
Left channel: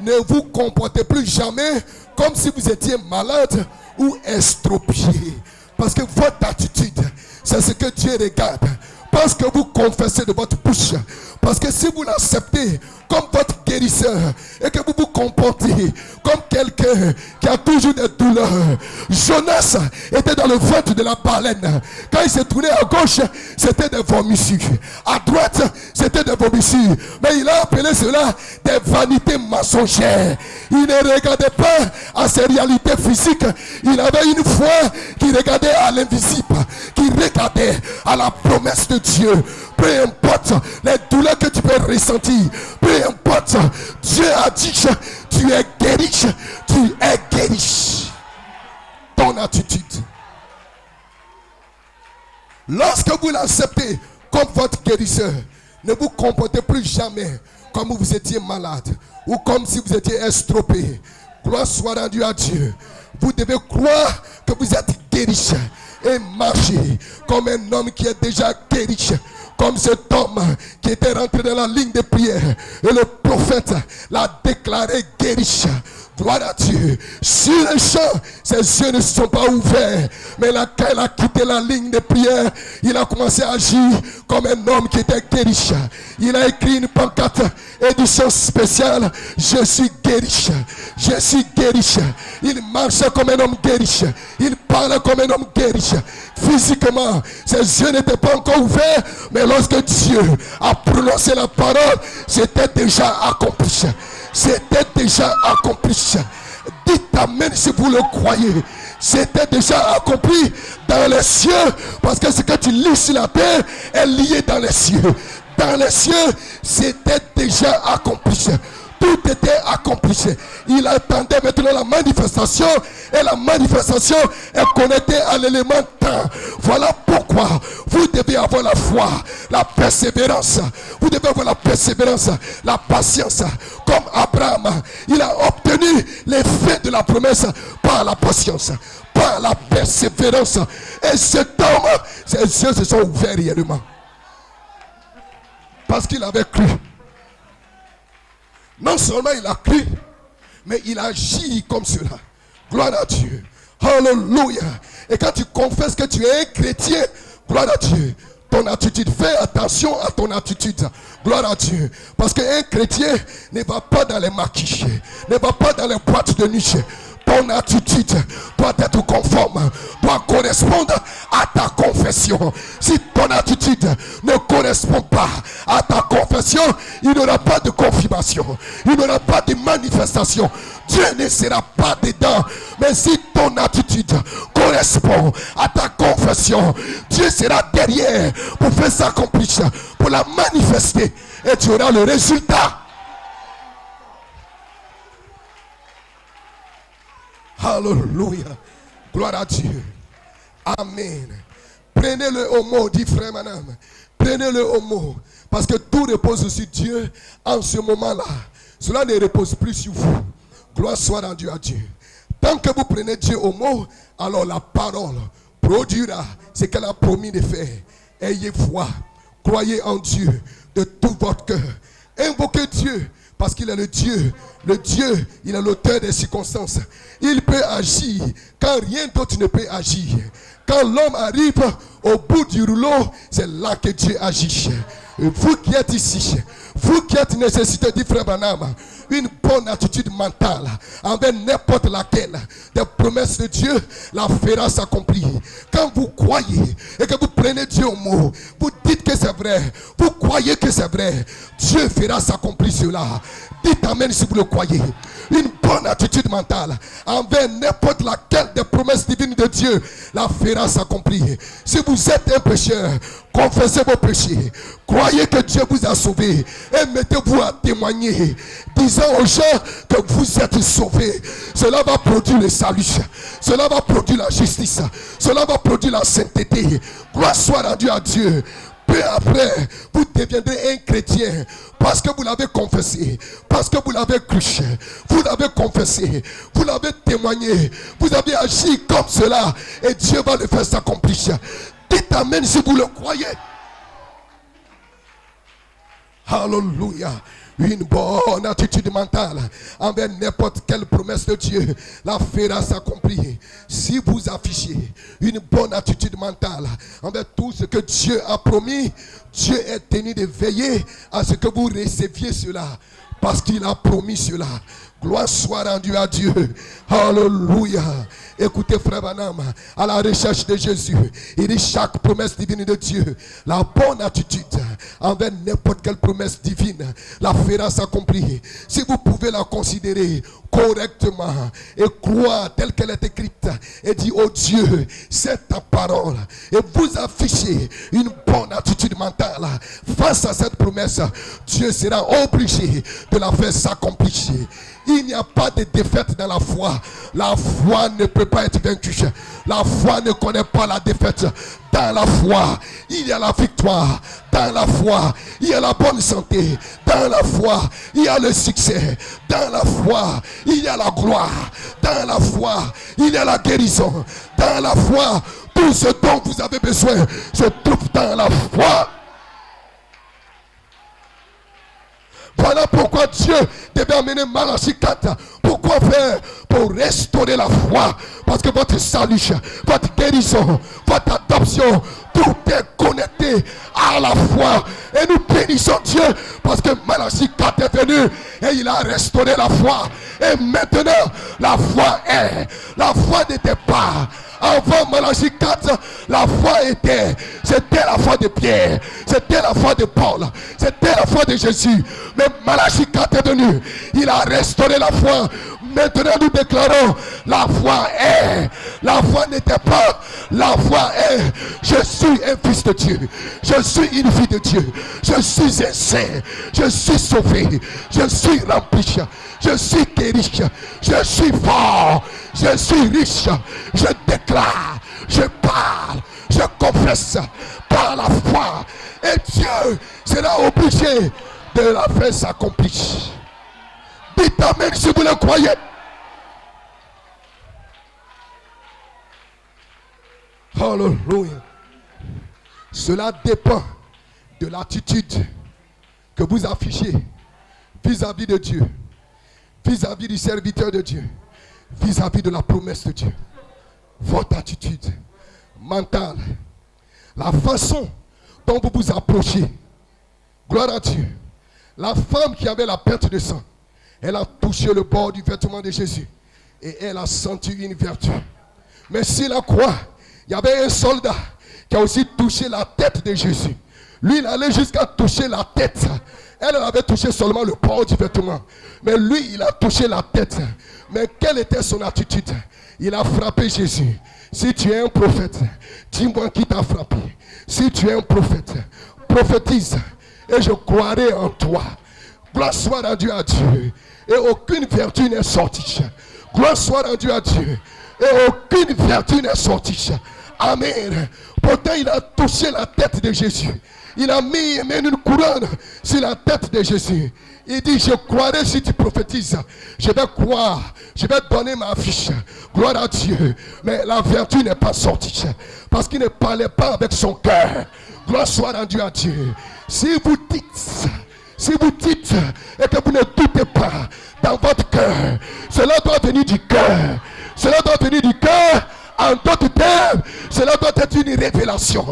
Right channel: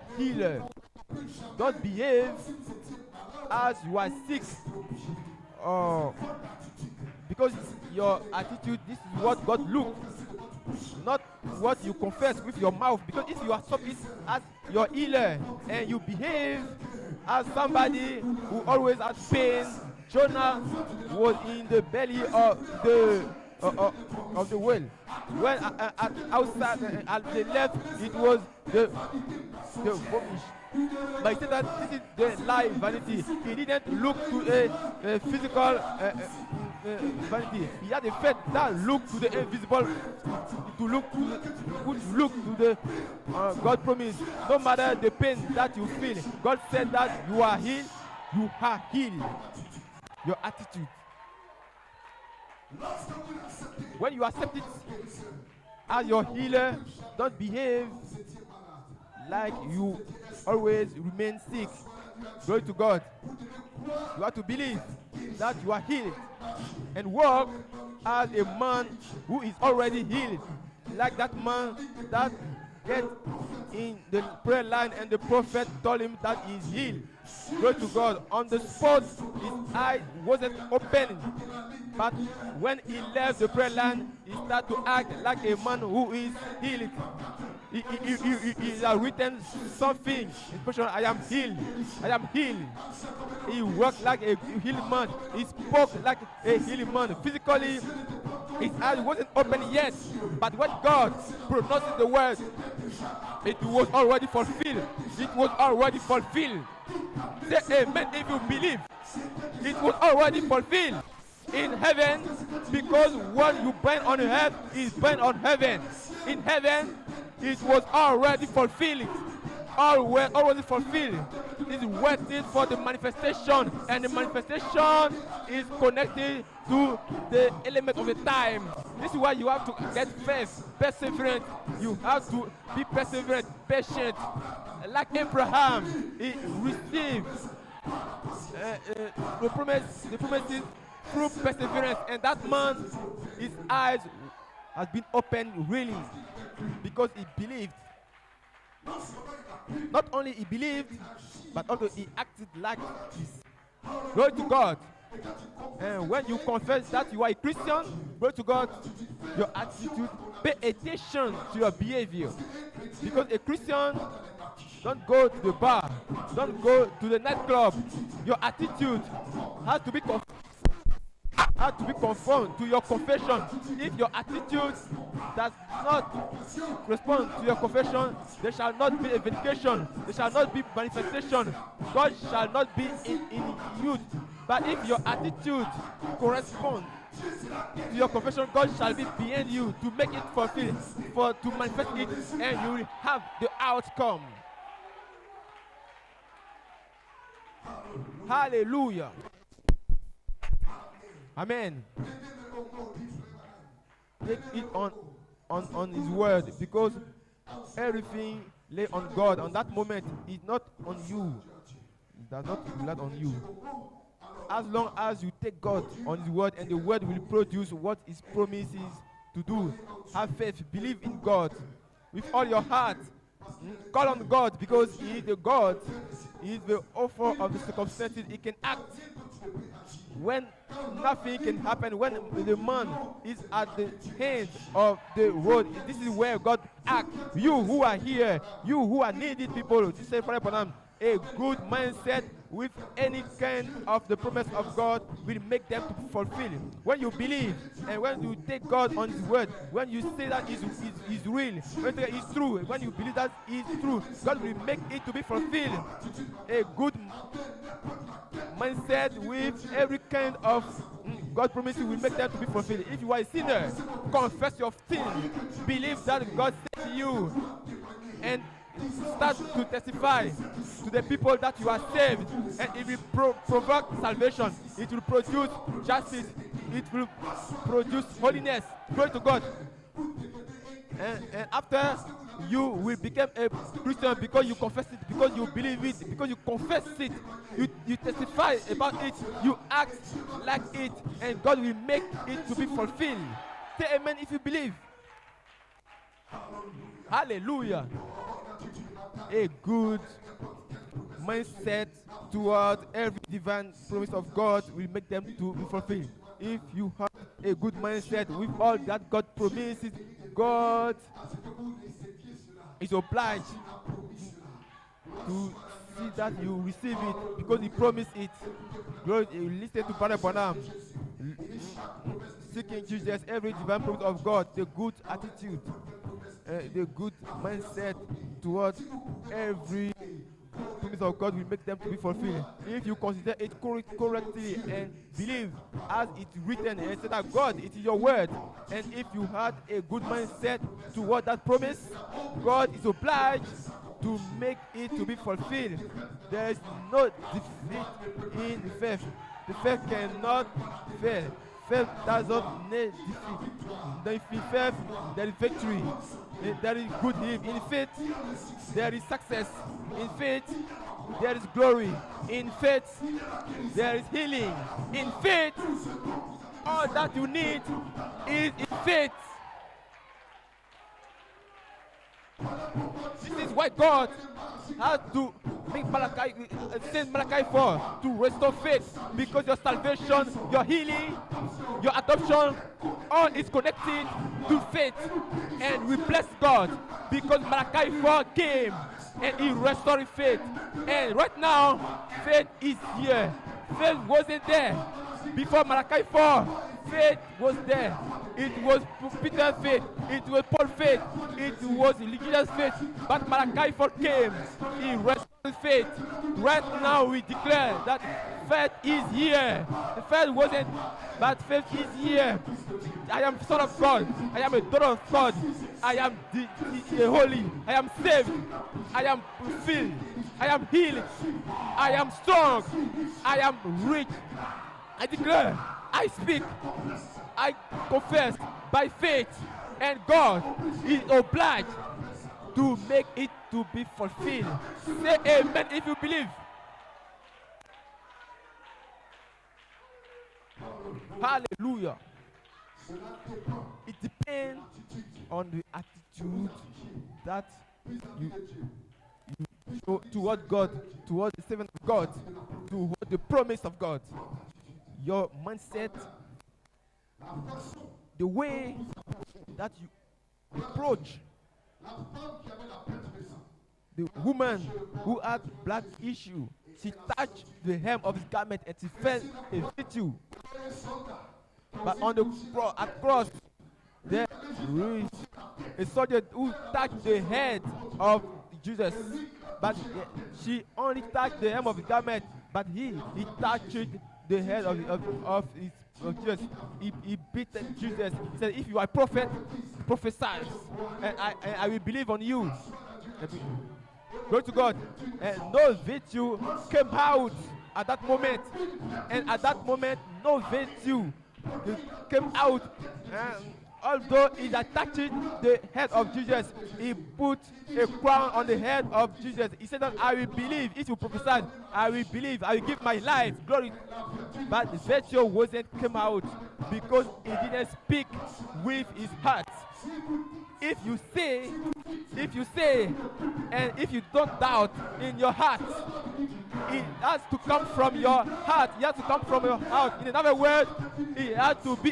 ne vous comportez plus jamais comme si vous étiez malade ou estropié. Parce que votre attitude, c'est ce que Dieu regarde. Parce que vous confessez de votre bouche. Parce que si vous l'acceptez comme votre guérisseur et que vous vous comportez comme quelqu'un qui a toujours des douleurs. Jonas était dans le ventre de la baleine. Quand il s'est tourné à gauche, c'était des vomissures. À droite, c'était des vomissures. Mais il a appelé cela des vanités mensongères. Il ne regardait pas à ses réalités physiques. Il avait une foi qui regardait à l'invisible, qui regardait à la promesse de Dieu. Peu importe les douleurs que tu peux ressentir, peu importe, Dieu a dit, tu es guéri, tu es guéri. Ton attitude. Lorsque vous l'acceptez comme votre guérisseur, ne vous comportez plus jamais comme vous étiez malade ou comme si vous étiez estropié. Gloire soit rendue à Dieu. Vous devez croire que vous êtes guéri et marcher comme un homme qui est déjà guéri, comme cet homme qui était rentré dans la ligne de prière et le prophète l'a déclaré guéri. Gloire à Dieu. Sur le champ, ses yeux ne sont pas ouverts, mais quand il a quitté la ligne de prière, il a commencé à agir comme un homme qui était guéri. Il a écrit une pancarte, édition spéciale. Je suis guéri. Je suis guéri. Il marchait comme un homme guéri. Il parlait comme un homme guéri. Physiquement, ses yeux n'étaient pas encore ouverts, mais lorsque Dieu a prononcé la parole, c'était déjà accompli. C'était déjà accompli. Dites amen si vous le croyez. C'était déjà accompli dans les cieux, parce que ce que tu lis sur la terre est lié dans les cieux. Dans les cieux, c'était déjà accompli. Tout était accompli. Il attendait maintenant la manifestation, et la manifestation est connectée à l'élément temps. Voilà pourquoi vous devez avoir la foi, la persévérance. Vous devez avoir la persévérance, la patience. Comme Abraham, il a obtenu l'effet de la promesse par la patience, par la persévérance. Et cet homme, ses yeux se sont ouverts réellement. Parce qu'il avait cru. Non seulement il a cru, mais il agit comme cela. Gloire à Dieu. Hallelujah. Et quand tu confesses que tu es un chrétien, gloire à Dieu, ton attitude, fais attention à ton attitude. Gloire à Dieu. Parce qu'un chrétien ne va pas dans les maquis, ne va pas dans les boîtes de nuit. Ton attitude doit être conforme, doit correspondre à ta confession. Si ton attitude ne correspond pas à ta confession, il n'y aura pas de confirmation, il n'y aura pas de manifestation. Dieu ne sera pas dedans. Mais si ton attitude correspond à ta confession, Dieu sera derrière pour faire s'accomplir, pour la manifester, et tu auras le résultat. Hallelujah. Gloire à Dieu. Amen. Prenez-le au mot, dit frère Manam. Prenez-le au mot. Parce que tout repose sur Dieu en ce moment-là. Cela ne repose plus sur vous. Gloire soit rendue à Dieu. Tant que vous prenez Dieu au mot, alors la parole produira ce qu'elle a promis de faire. Ayez foi, croyez en Dieu de tout votre cœur. Invoquez Dieu. Parce qu'il est le Dieu, il est l'auteur des circonstances. Il peut agir quand rien d'autre ne peut agir. Quand l'homme arrive au bout du rouleau, c'est là que Dieu agit. Et vous qui êtes ici, vous qui êtes nécessité, dit frère Branham, une bonne attitude mentale envers n'importe laquelle des promesses de Dieu la fera s'accomplir. Quand vous croyez et que vous prenez Dieu au mot, vous dites que c'est vrai, vous croyez que c'est vrai, Dieu fera s'accomplir cela. Dites amen si vous le croyez. Une bonne attitude mentale envers n'importe laquelle des promesses divines de Dieu la fera s'accomplir. Si vous êtes un pécheur, confessez vos péchés. Croyez que Dieu vous a sauvé et mettez-vous à témoigner, disant aux gens que vous êtes sauvés. Cela va produire le salut. Cela va produire la justice. Cela va produire la sainteté. Gloire soit rendue à Dieu. Peu après, vous deviendrez un chrétien parce que vous l'avez confessé, parce que vous l'avez cru, vous l'avez confessé, vous l'avez témoigné, vous avez agi comme cela et Dieu va le faire s'accomplir. Dites amen si vous le croyez. Alléluia. Une bonne attitude mentale envers n'importe quelle promesse de Dieu la fera s'accomplir. Si vous affichez une bonne attitude mentale envers tout ce que Dieu a promis, Dieu est tenu de veiller à ce que vous receviez cela parce qu'il a promis cela. Gloire soit rendue à Dieu. Alléluia. Écoutez, frère Madame, à la recherche de Jésus, il dit chaque promesse divine de Dieu, la bonne attitude envers n'importe quelle promesse divine la fera s'accomplir. Si vous pouvez la considérer correctement et croire telle qu'elle est écrite et dire oh Dieu, c'est ta parole, et vous affichez une bonne attitude mentale face à cette promesse, Dieu sera obligé de la faire s'accomplir. Il n'y a pas de défaite dans la foi. La foi ne peut pas être vaincue. La foi ne connaît pas la défaite. Dans la foi, il y a la victoire. Dans la foi, il y a la bonne santé. Dans la foi, il y a le succès. Dans la foi, il y a la gloire. Dans la foi, il y a la guérison. Dans la foi, tout ce dont vous avez besoin se trouve dans la foi. Voilà pourquoi Dieu devait amener Malachie 4. Pourquoi faire? Pour restaurer la foi. Parce que votre salut, votre guérison, votre adoption, tout est connecté à la foi. Et nous bénissons Dieu parce que Malachie 4 est venu et il a restauré la foi. Et maintenant, la foi est. La foi n'était pas. Avant Malachie 4, la foi était. C'était la foi de Pierre. C'était la foi de Paul. C'était la foi de Jésus. Mais Malachie 4 est venu. Il a restauré la foi. Maintenant nous déclarons la foi est. La foi n'était pas. La foi est. Je suis un fils de Dieu. Je suis une fille de Dieu. Je suis un saint. Je suis sauvé. Je suis rempli. Je suis guéri. Je suis fort. Je suis riche. Je déclare. Je parle. Je confesse par la foi. Et Dieu sera obligé de la faire s'accomplir. Dites amen si vous le croyez. Alléluia. Cela dépend de l'attitude que vous affichez vis-à-vis de Dieu, vis-à-vis du serviteur de Dieu, vis-à-vis de la promesse de Dieu. Votre attitude mentale, la façon dont vous vous approchez. Gloire à Dieu. La femme qui avait la perte de sang, elle a touché le bord du vêtement de Jésus et elle a senti une vertu. Mais sur la croix, il y avait un soldat qui a aussi touché la tête de Jésus. Lui, il allait jusqu'à toucher la tête. Elle avait touché seulement le bord du vêtement. Mais lui, il a touché la tête. Mais quelle était son attitude? Il a frappé Jésus. Si tu es un prophète, dis-moi qui t'a frappé. Si tu es un prophète, prophétise et je croirai en toi. Gloire soit rendue à Dieu. Et aucune vertu n'est sortie. Gloire soit rendue à Dieu. Et aucune vertu n'est sortie. Amen. Pourtant, il a touché la tête de Jésus. Il a mis une couronne sur la tête de Jésus. Il dit, je croirai si tu prophétises. Je vais croire. Je vais donner ma fiche. Gloire à Dieu. Mais la vertu n'est pas sortie. Parce qu'il ne parlait pas avec son cœur. Gloire soit rendue à Dieu. Si vous dites et que vous ne doutez pas dans votre cœur, cela doit venir du cœur. Cela doit venir du cœur. En d'autres termes, cela doit être une révélation.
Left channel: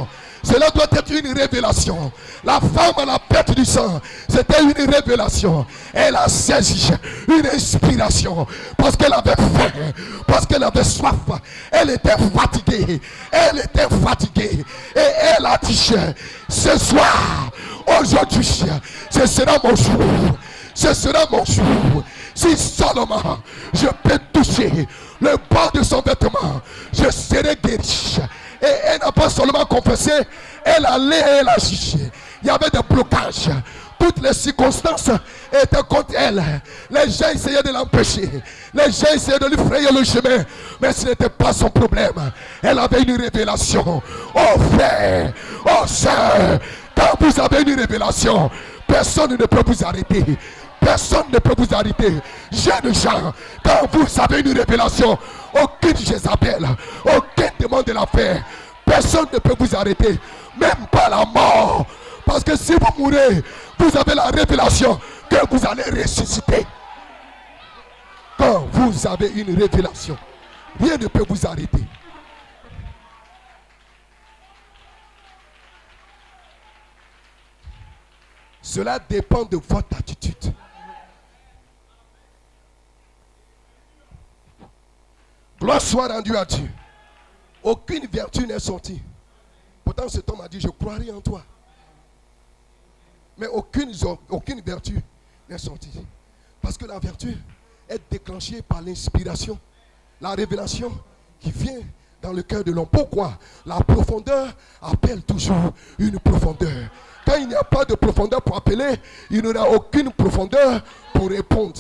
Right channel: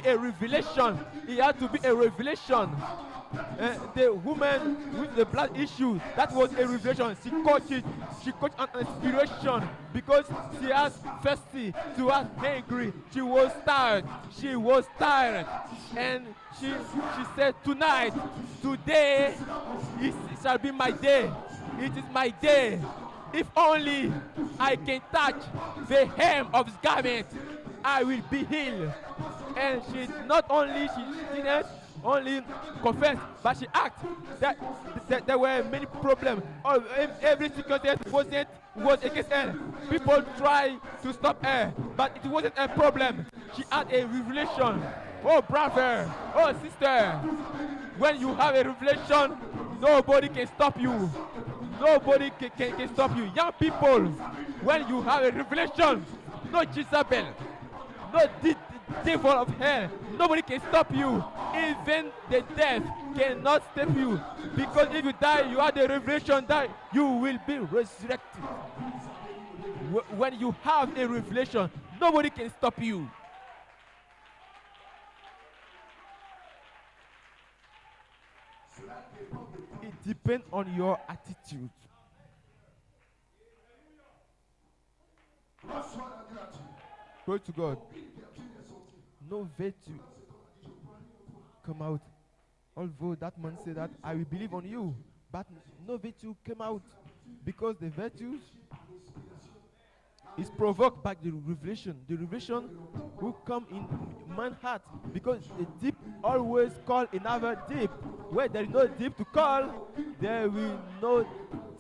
Cela doit être une révélation. La femme à la perte du sang, c'était une révélation. Elle a saisi une inspiration parce qu'elle avait faim, parce qu'elle avait soif. Elle était fatiguée. Elle était fatiguée. Et elle a dit, Ce soir, aujourd'hui, ce sera mon jour. Ce sera mon jour. Si seulement je peux toucher le bas de son vêtement, je serai guéri. Et elle n'a pas seulement confessé, elle allait et elle agit. Il y avait des blocages. Toutes les circonstances étaient contre elle. Les gens essayaient de l'empêcher. Les gens essayaient de lui frayer le chemin. Mais ce n'était pas son problème. Elle avait une révélation. Oh frère, oh sœur, quand vous avez une révélation, personne ne peut vous arrêter. Personne ne peut vous arrêter. Jeunes gens, quand vous avez une révélation, aucune Jézabel, aucun démon de l'enfer, personne ne peut vous arrêter, même pas la mort. Parce que si vous mourrez, vous avez la révélation que vous allez ressusciter. Quand vous avez une révélation, rien ne peut vous arrêter. Cela dépend de votre attitude. Gloire soit rendue à Dieu. Aucune vertu n'est sortie. Pourtant cet homme a dit, je croirai en toi. Mais aucune vertu n'est sortie. Parce que la vertu est déclenchée par l'inspiration. La révélation qui vient dans le cœur de l'homme. Pourquoi? La profondeur appelle toujours une profondeur. Quand il n'y a pas de profondeur pour appeler, il n'y aura aucune profondeur pour répondre.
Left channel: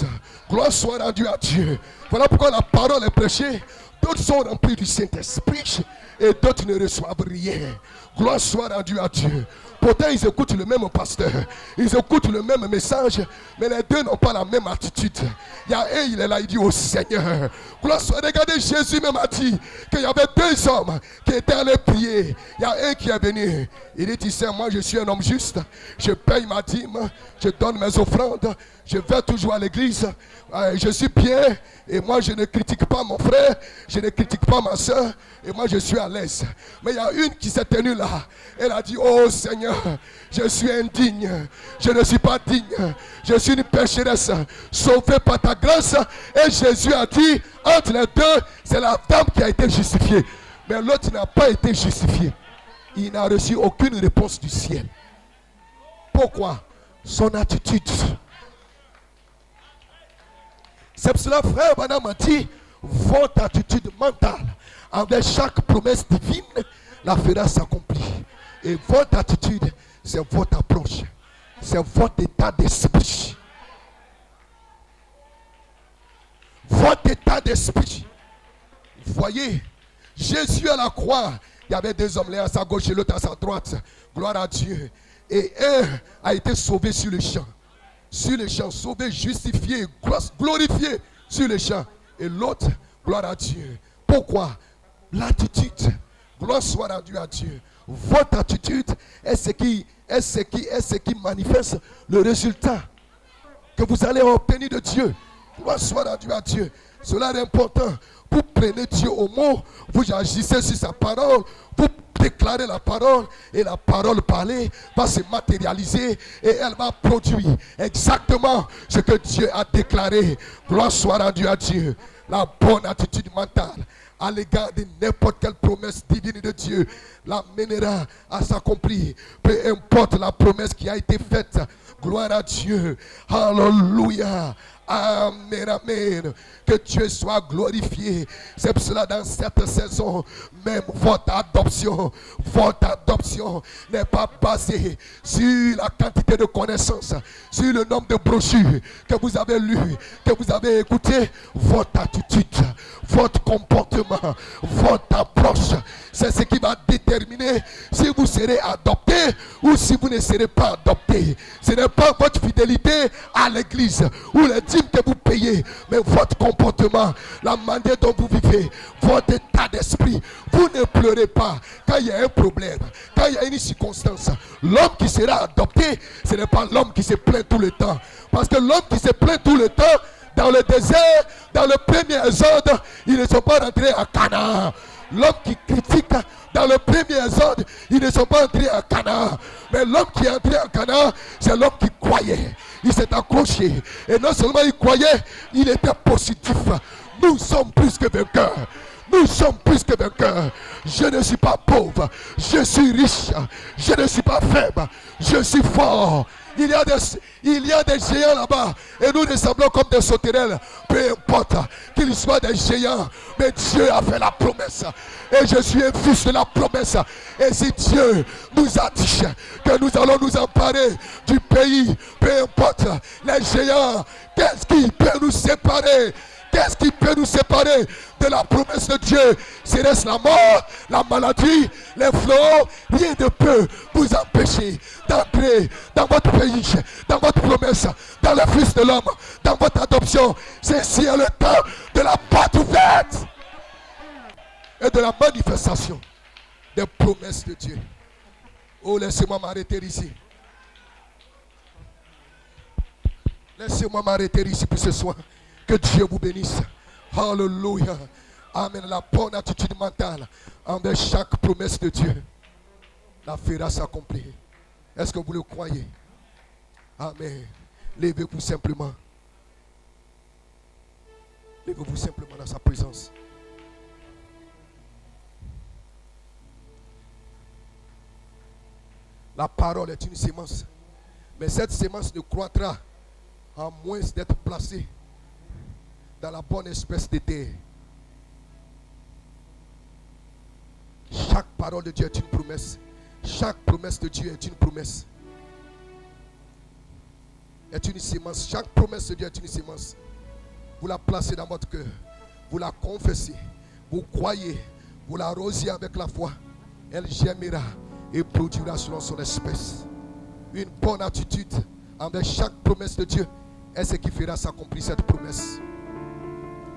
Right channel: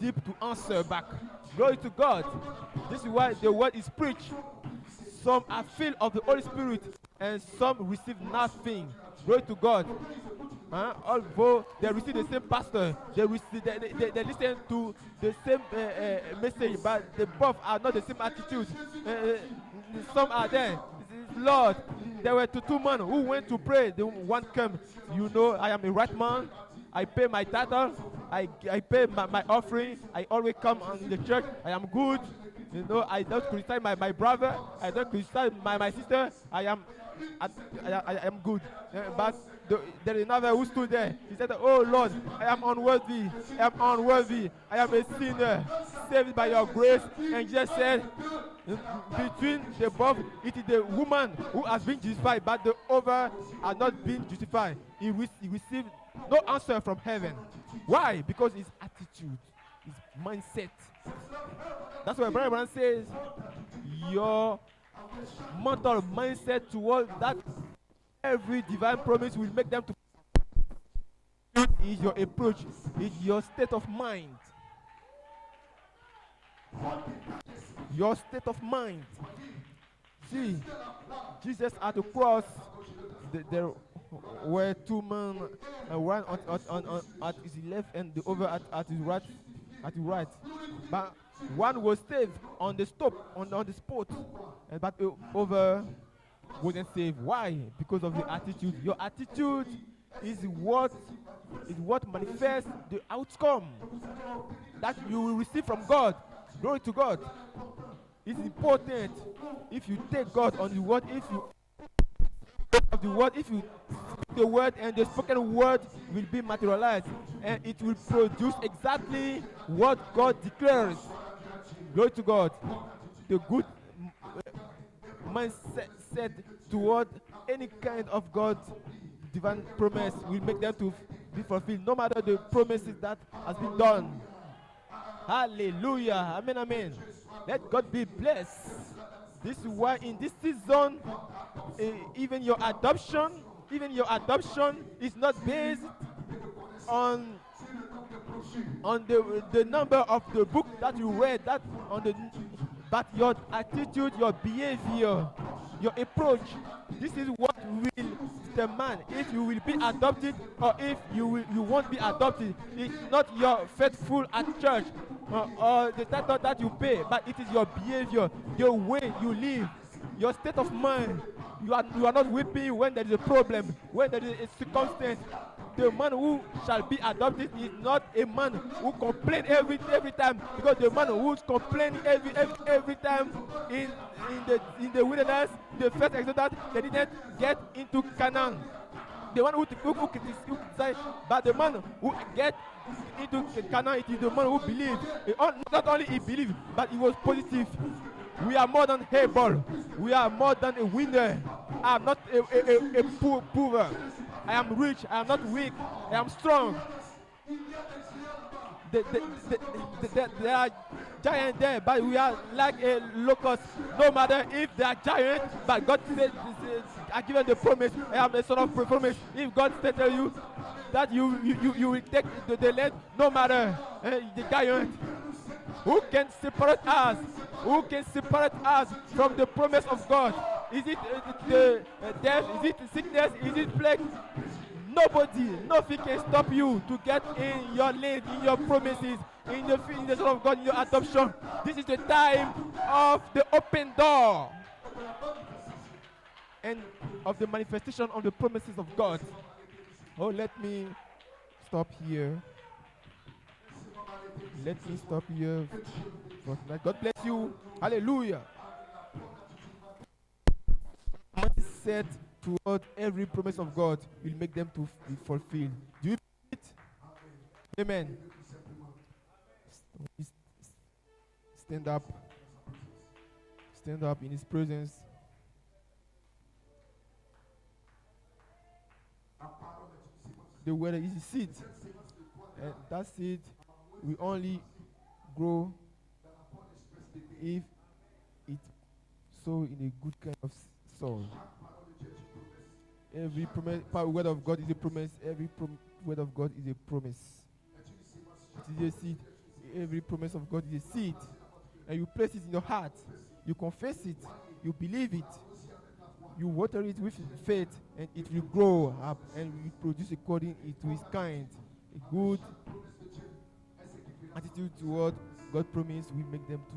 Gloire soit rendue à Dieu. Voilà pourquoi la parole est prêchée. D'autres sont remplis du Saint-Esprit et d'autres ne reçoivent rien. Gloire soit rendue à Dieu. Pourtant, ils écoutent le même pasteur. Ils écoutent le même message. Mais les deux n'ont pas la même attitude. Il y a un, il est là, il dit au Seigneur. Gloire soit. Regardez, Jésus même a dit qu'il y avait deux hommes qui étaient allés prier. Il y a un qui est venu. Il dit, tu sais, moi je suis un homme juste. Je paye ma dîme. Je donne mes offrandes. Je vais toujours à l'église. Je suis pieux. Et moi je ne critique pas mon frère. Je ne critique pas ma soeur. Et moi je suis à l'aise. Mais il y a une qui s'est tenue là. Elle a dit, oh Seigneur, je suis indigne. Je ne suis pas digne. Je suis une pécheresse sauvée par ta grâce. Et Jésus a dit, entre les deux, c'est la dame qui a été justifiée. Mais l'autre n'a pas été justifié. Il n'a reçu aucune réponse du ciel. Pourquoi? Son attitude. C'est pour cela, frère Branham a dit, votre attitude mentale envers chaque promesse divine la fera s'accomplir. Et votre attitude, c'est votre approche. C'est votre état d'esprit. Votre état d'esprit. Voyez, Jésus à la croix, il y avait deux hommes, l'un à sa gauche et l'autre à sa droite. Gloire à Dieu. Et un a été sauvé sur le champ. Sur le champ, sauvé, justifié, glorifié sur le champ. Et l'autre, gloire à Dieu. Pourquoi? L'attitude. Gloire soit rendue à Dieu. Votre attitude est ce qui manifeste le résultat que vous allez obtenir de Dieu. Gloire soit rendue à Dieu. Cela est important. Vous prenez Dieu au mot, vous agissez sur sa parole, vous déclarez la parole et la parole parlée va se matérialiser et elle va produire exactement ce que Dieu a déclaré. Gloire soit rendue à Dieu. La bonne attitude mentale à l'égard de n'importe quelle promesse divine de Dieu l'amènera à s'accomplir. Peu importe la promesse qui a été faite. Gloire à Dieu. Alléluia. Amen, amen. Que Dieu soit glorifié. C'est pour cela dans cette saison, même votre adoption n'est pas basée sur la quantité de connaissances, sur le nombre de brochures que vous avez lues, que vous avez écoutées. Votre attitude, votre comportement, votre approche, c'est ce qui va déterminer si vous serez adopté ou si vous ne serez pas adopté. Ce n'est pas votre fidélité à l'église ou les dîmes que vous payez, mais votre comportement, la manière dont vous vivez, votre état d'esprit. Vous ne pleurez pas quand il y a un problème, quand il y a une circonstance. L'homme qui sera adopté, ce n'est pas l'homme qui se plaint tout le temps. Parce que l'homme qui se plaint tout le temps, dans le désert, dans le premier exode, ils ne sont pas rentrés à Canaan. L'homme qui critique dans le premier exode, ils ne sont pas entrés à Canaan. Mais l'homme qui est entré à Canaan, c'est l'homme qui croyait. Il s'est accroché. Et non seulement il croyait, il était positif. Nous sommes plus que vainqueurs. Nous sommes plus que vainqueurs. Je ne suis pas pauvre. Je suis riche. Je ne suis pas faible. Je suis fort. Il y a des géants là-bas. Et nous nous semblons comme des sauterelles. Peu importe qu'ils soient des géants. Mais Dieu a fait la promesse. Et je suis un fils de la promesse. Et si Dieu nous a dit que nous allons nous emparer du pays, peu importe les géants, qu'est-ce qui peut nous séparer? Qu'est-ce qui peut nous séparer de la promesse de Dieu? C'est la mort, la maladie, les fléaux. Rien ne peut vous empêcher d'entrer dans votre pays, dans votre promesse, dans le Fils de l'homme, dans votre adoption. Ceci est le temps de la porte ouverte et de la manifestation des promesses de Dieu. Oh, laissez-moi m'arrêter ici. Laissez-moi m'arrêter ici pour ce soir. Que Dieu vous bénisse. Alléluia. Amen. La bonne attitude mentale envers chaque promesse de Dieu la fera s'accomplir. Est-ce que vous le croyez? Amen. Levez-vous simplement. Levez-vous simplement dans sa présence. Stand up in His presence. La parole est une sémence. Mais cette sémence ne croîtra à moins d'être placée dans la bonne espèce de terre. Chaque parole de Dieu est une promesse. Chaque promesse de Dieu est une promesse. Est une sémence. Chaque promesse de Dieu est une sémence. Vous la placez dans votre cœur. Vous la confessez. Vous croyez. Vous l'arrosez avec la foi. Elle germera et produira selon son espèce. Une bonne attitude envers chaque promesse de Dieu est ce qui fera s'accomplir cette promesse.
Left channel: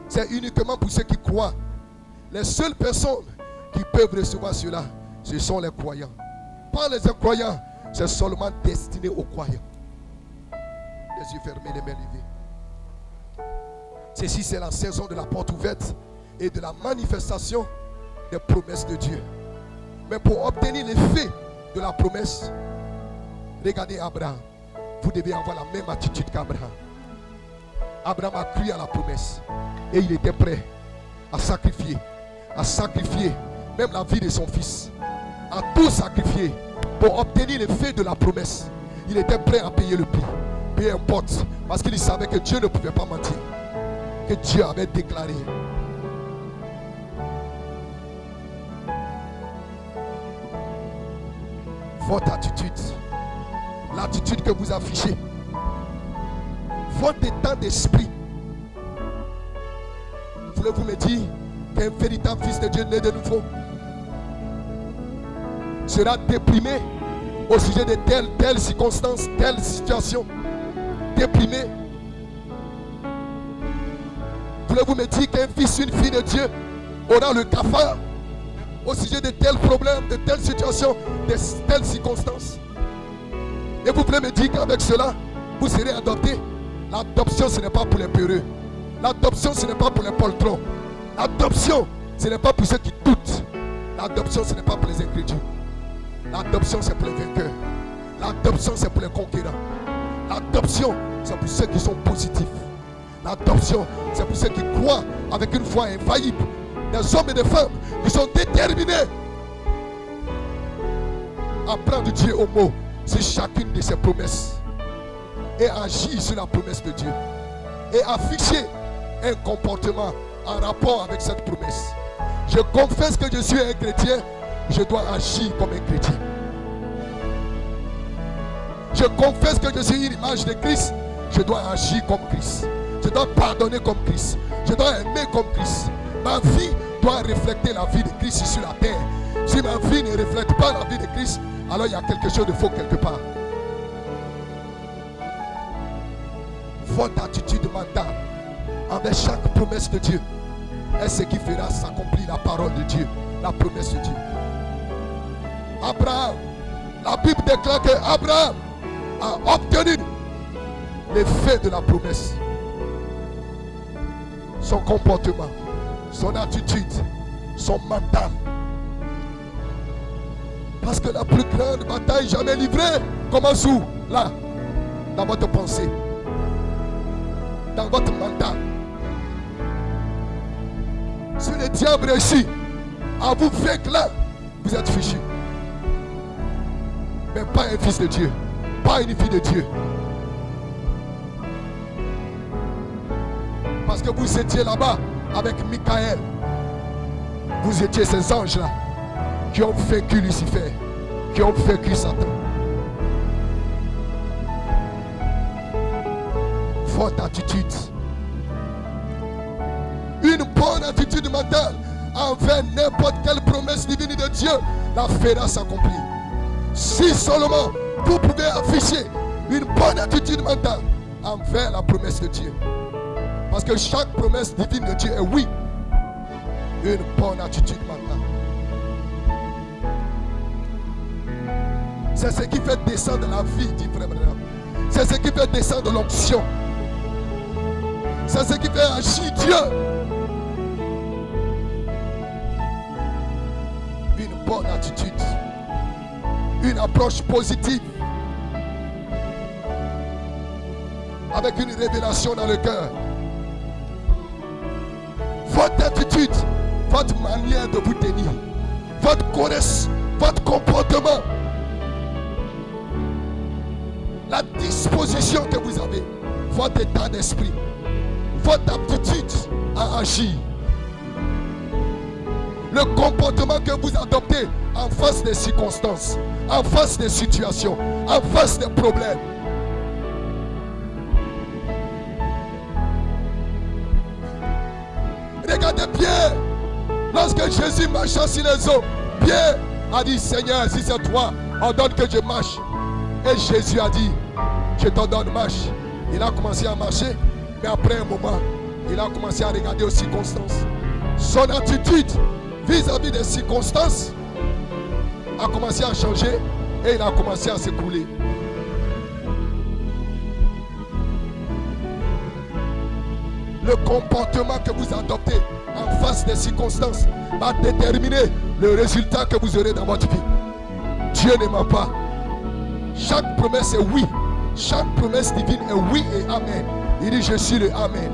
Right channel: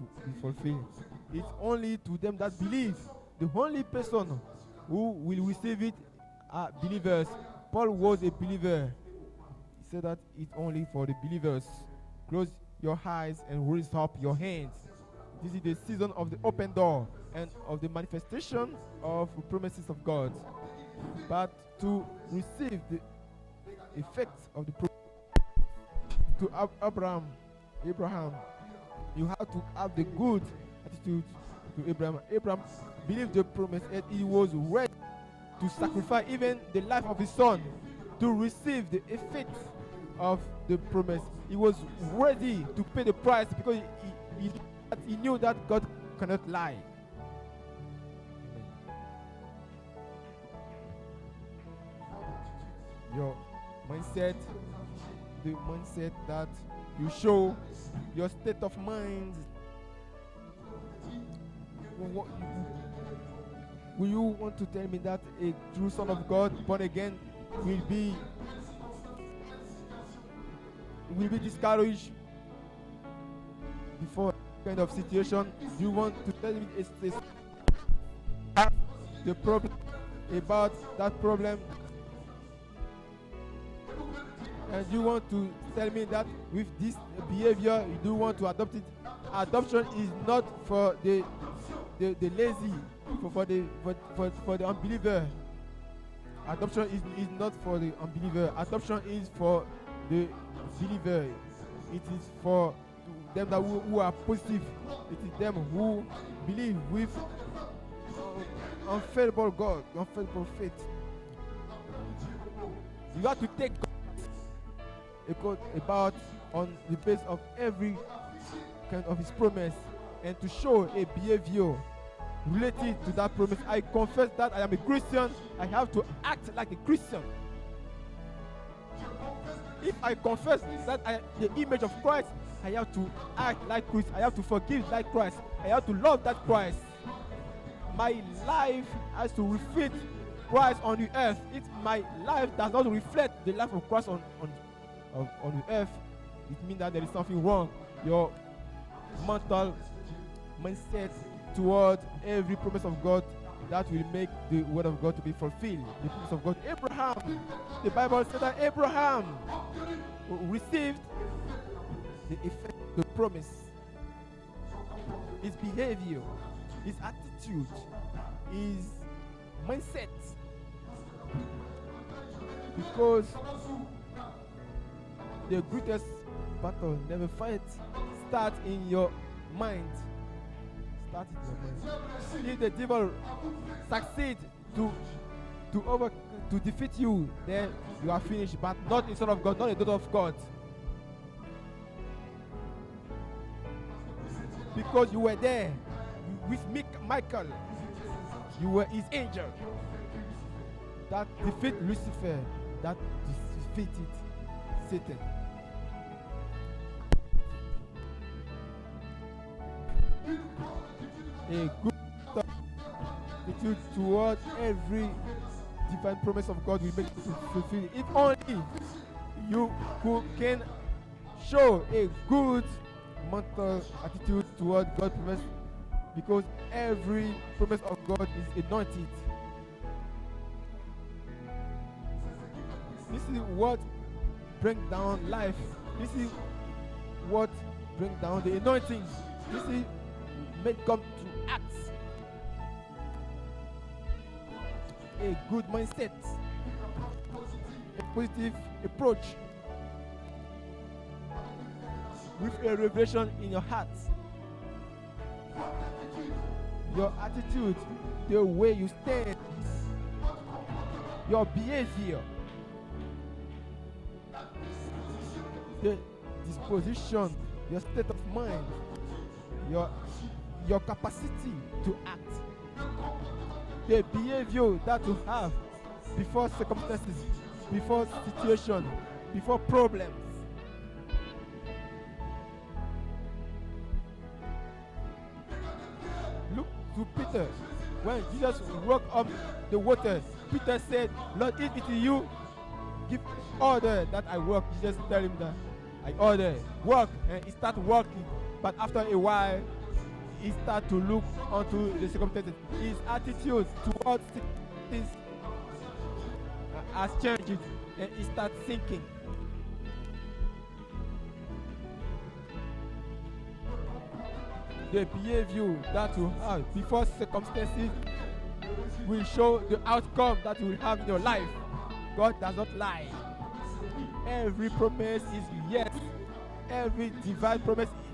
C'est uniquement pour ceux qui croient. Les seules personnes qui peuvent recevoir cela, ce sont les croyants. Pas les incroyants, c'est seulement destiné aux croyants. Les yeux fermés, les mains levées. Ceci, c'est la saison de la porte ouverte et de la manifestation des promesses de Dieu. Mais pour obtenir l'effet de la promesse, regardez Abraham. Vous devez avoir la même attitude qu'Abraham. Abraham a cru à la promesse et il était prêt à sacrifier même la vie de son fils, à tout sacrifier pour obtenir l'effet de la promesse. Il était prêt à payer le prix, peu importe, parce qu'il savait que Dieu ne pouvait pas mentir, que Dieu avait déclaré. Votre attitude, l'attitude que vous affichez, votre état d'esprit, voulez-vous me dire qu'un véritable fils de Dieu né de nouveau sera déprimé au sujet de telle circonstance, telle situation? Déprimé. Voulez-vous me dire qu'un fils, une fille de Dieu aura le cafard au sujet de tels problèmes, de telles situations, de telles circonstances? Et vous voulez me dire qu'avec cela, vous serez adopté? L'adoption, ce n'est pas pour les peureux. L'adoption, ce n'est pas pour les poltrons. L'adoption, ce n'est pas pour ceux qui doutent. L'adoption, ce n'est pas pour les incrédules. L'adoption, c'est pour les vainqueurs. L'adoption, c'est pour les conquérants. L'adoption, c'est pour ceux qui sont positifs. L'adoption, c'est pour ceux qui croient avec une foi infaillible. Des hommes et des femmes qui sont déterminés à prendre Dieu au mot sur chacune de ses promesses et agir sur la promesse de Dieu et afficher un comportement en rapport avec cette promesse. Je confesse que je suis un chrétien, je dois agir comme un chrétien. Je confesse que je suis une image de Christ, je dois agir comme Christ. Je dois pardonner comme Christ. Je dois aimer comme Christ. Ma vie doit refléter la vie de Christ sur la terre. Si ma vie ne reflète pas la vie de Christ, alors il y a quelque chose de faux quelque part. Votre attitude mentale envers chaque promesse de Dieu est ce qui fera s'accomplir la parole de Dieu, la promesse de Dieu. Abraham, la Bible déclare que Abraham a obtenu l'effet de la promesse. Son comportement, son attitude, son mental. Parce que la plus grande bataille jamais livrée commence où? Là, dans votre pensée, dans votre mental. Si le diable réussit if the devil à vous vaincre là, succeed vous êtes fichu. to defeat you, Mais pas un fils de Dieu. Pas une fille de Dieu. not a daughter of God. Parce que vous étiez là-bas avec Michael. With Michael, Vous étiez ces anges-là you were his angel. qui ont vaincu Lucifer, qui ont vaincu Satan. Votre attitude. Une bonne attitude mentale envers n'importe quelle promesse divine de Dieu la fera s'accomplir. Si seulement vous pouvez afficher une bonne attitude mentale envers la promesse de Dieu. Parce que chaque promesse divine de Dieu est oui. Une bonne attitude mentale. C'est ce qui fait descendre la vie du frère Branham. C'est ce qui fait descendre l'onction. C'est ce qui fait agir Dieu. Une bonne attitude. Une approche positive. Avec une révélation dans le cœur. Votre attitude, votre manière de vous tenir, votre connaissance, votre comportement, la disposition que vous avez, votre état d'esprit, votre aptitude à agir, le comportement que vous adoptez en face des circonstances, en face des situations, en face des problèmes. Regardez Pierre, lorsque Jésus marchait sur les eaux, Pierre a dit, Seigneur, si c'est toi, ordonne que je marche. Et Jésus a dit, je t'ordonne marche. Il a commencé à marcher, mais après un moment, il a commencé à regarder aux circonstances. Son attitude vis-à-vis des circonstances a commencé à changer et il a commencé à s'écouler. Le comportement que vous adoptez en face des circonstances va déterminer le résultat que vous aurez dans votre vie. Dieu ne ment pas. Chaque promesse est oui. Chaque promesse divine est oui et amen. Il dit, je suis le amen.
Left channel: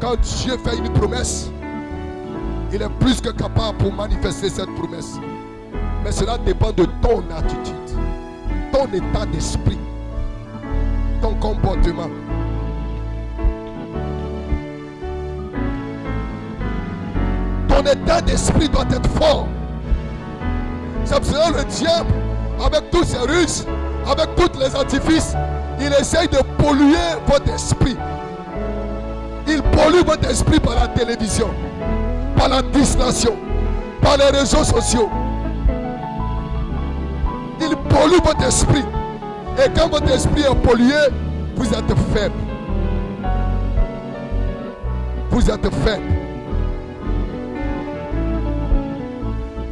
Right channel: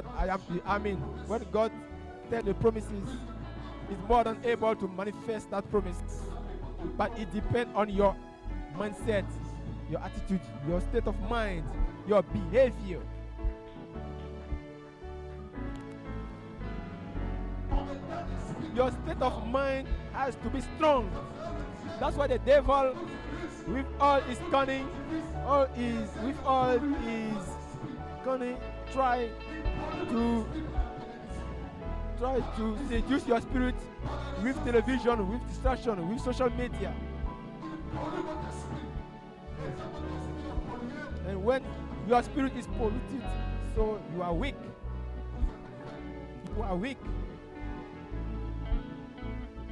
Quand Dieu fait une promesse, il est plus que capable pour manifester cette promesse. Mais cela dépend de ton attitude, ton état d'esprit, ton comportement. Ton état d'esprit doit être fort. C'est pour cela le diable, avec tous ses ruses, avec tous les artifices, il essaye de polluer votre esprit. Il pollue votre esprit par la télévision, par la distraction, par les réseaux sociaux. Il pollue votre esprit. Et quand votre esprit est pollué, vous êtes faible. Vous êtes faible.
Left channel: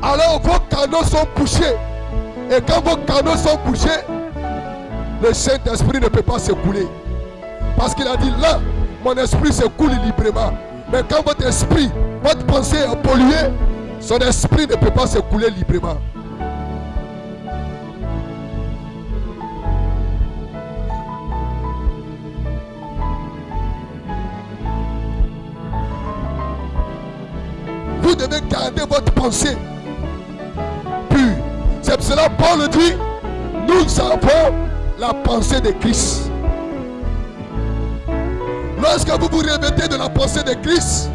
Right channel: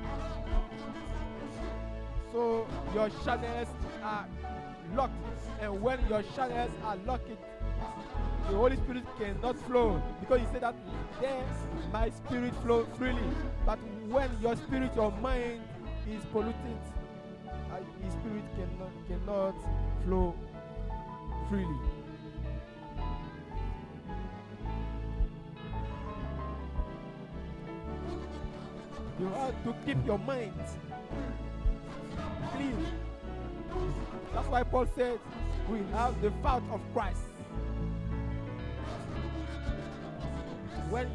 Alors vos canaux sont bouchés. Et quand vos canaux sont bouchés, le Saint-Esprit ne peut pas s'écouler. Parce qu'il a dit là, mon esprit se coule librement. Mais quand votre esprit, votre pensée est polluée, son esprit ne peut pas se couler librement. Vous devez garder votre pensée pure. C'est pour cela que Paul dit, nous avons la pensée de Christ. Lorsque vous vous revêtez de la pensée de Christ,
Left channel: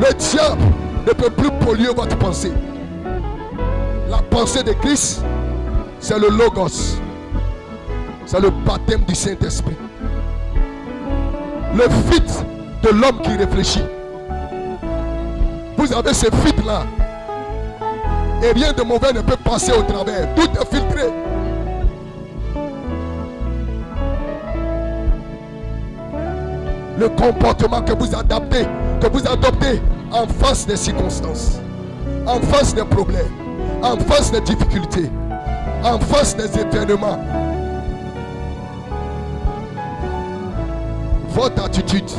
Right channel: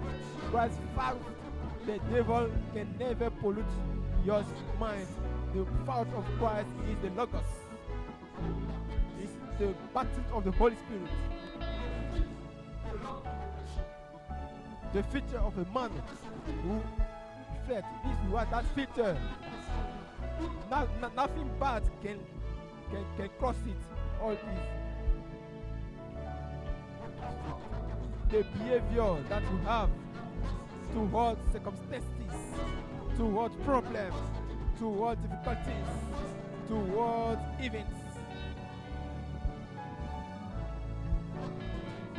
le diable ne peut plus polluer votre pensée. La pensée de Christ, c'est le Logos. C'est le baptême du Saint-Esprit. Le fit de l'homme qui réfléchit. Vous avez ce fit-là. Et rien de mauvais ne peut passer au travers. Tout est filtré. Le comportement que vous adoptez en face des circonstances, en face des problèmes, en face des difficultés, en face des événements. Votre attitude.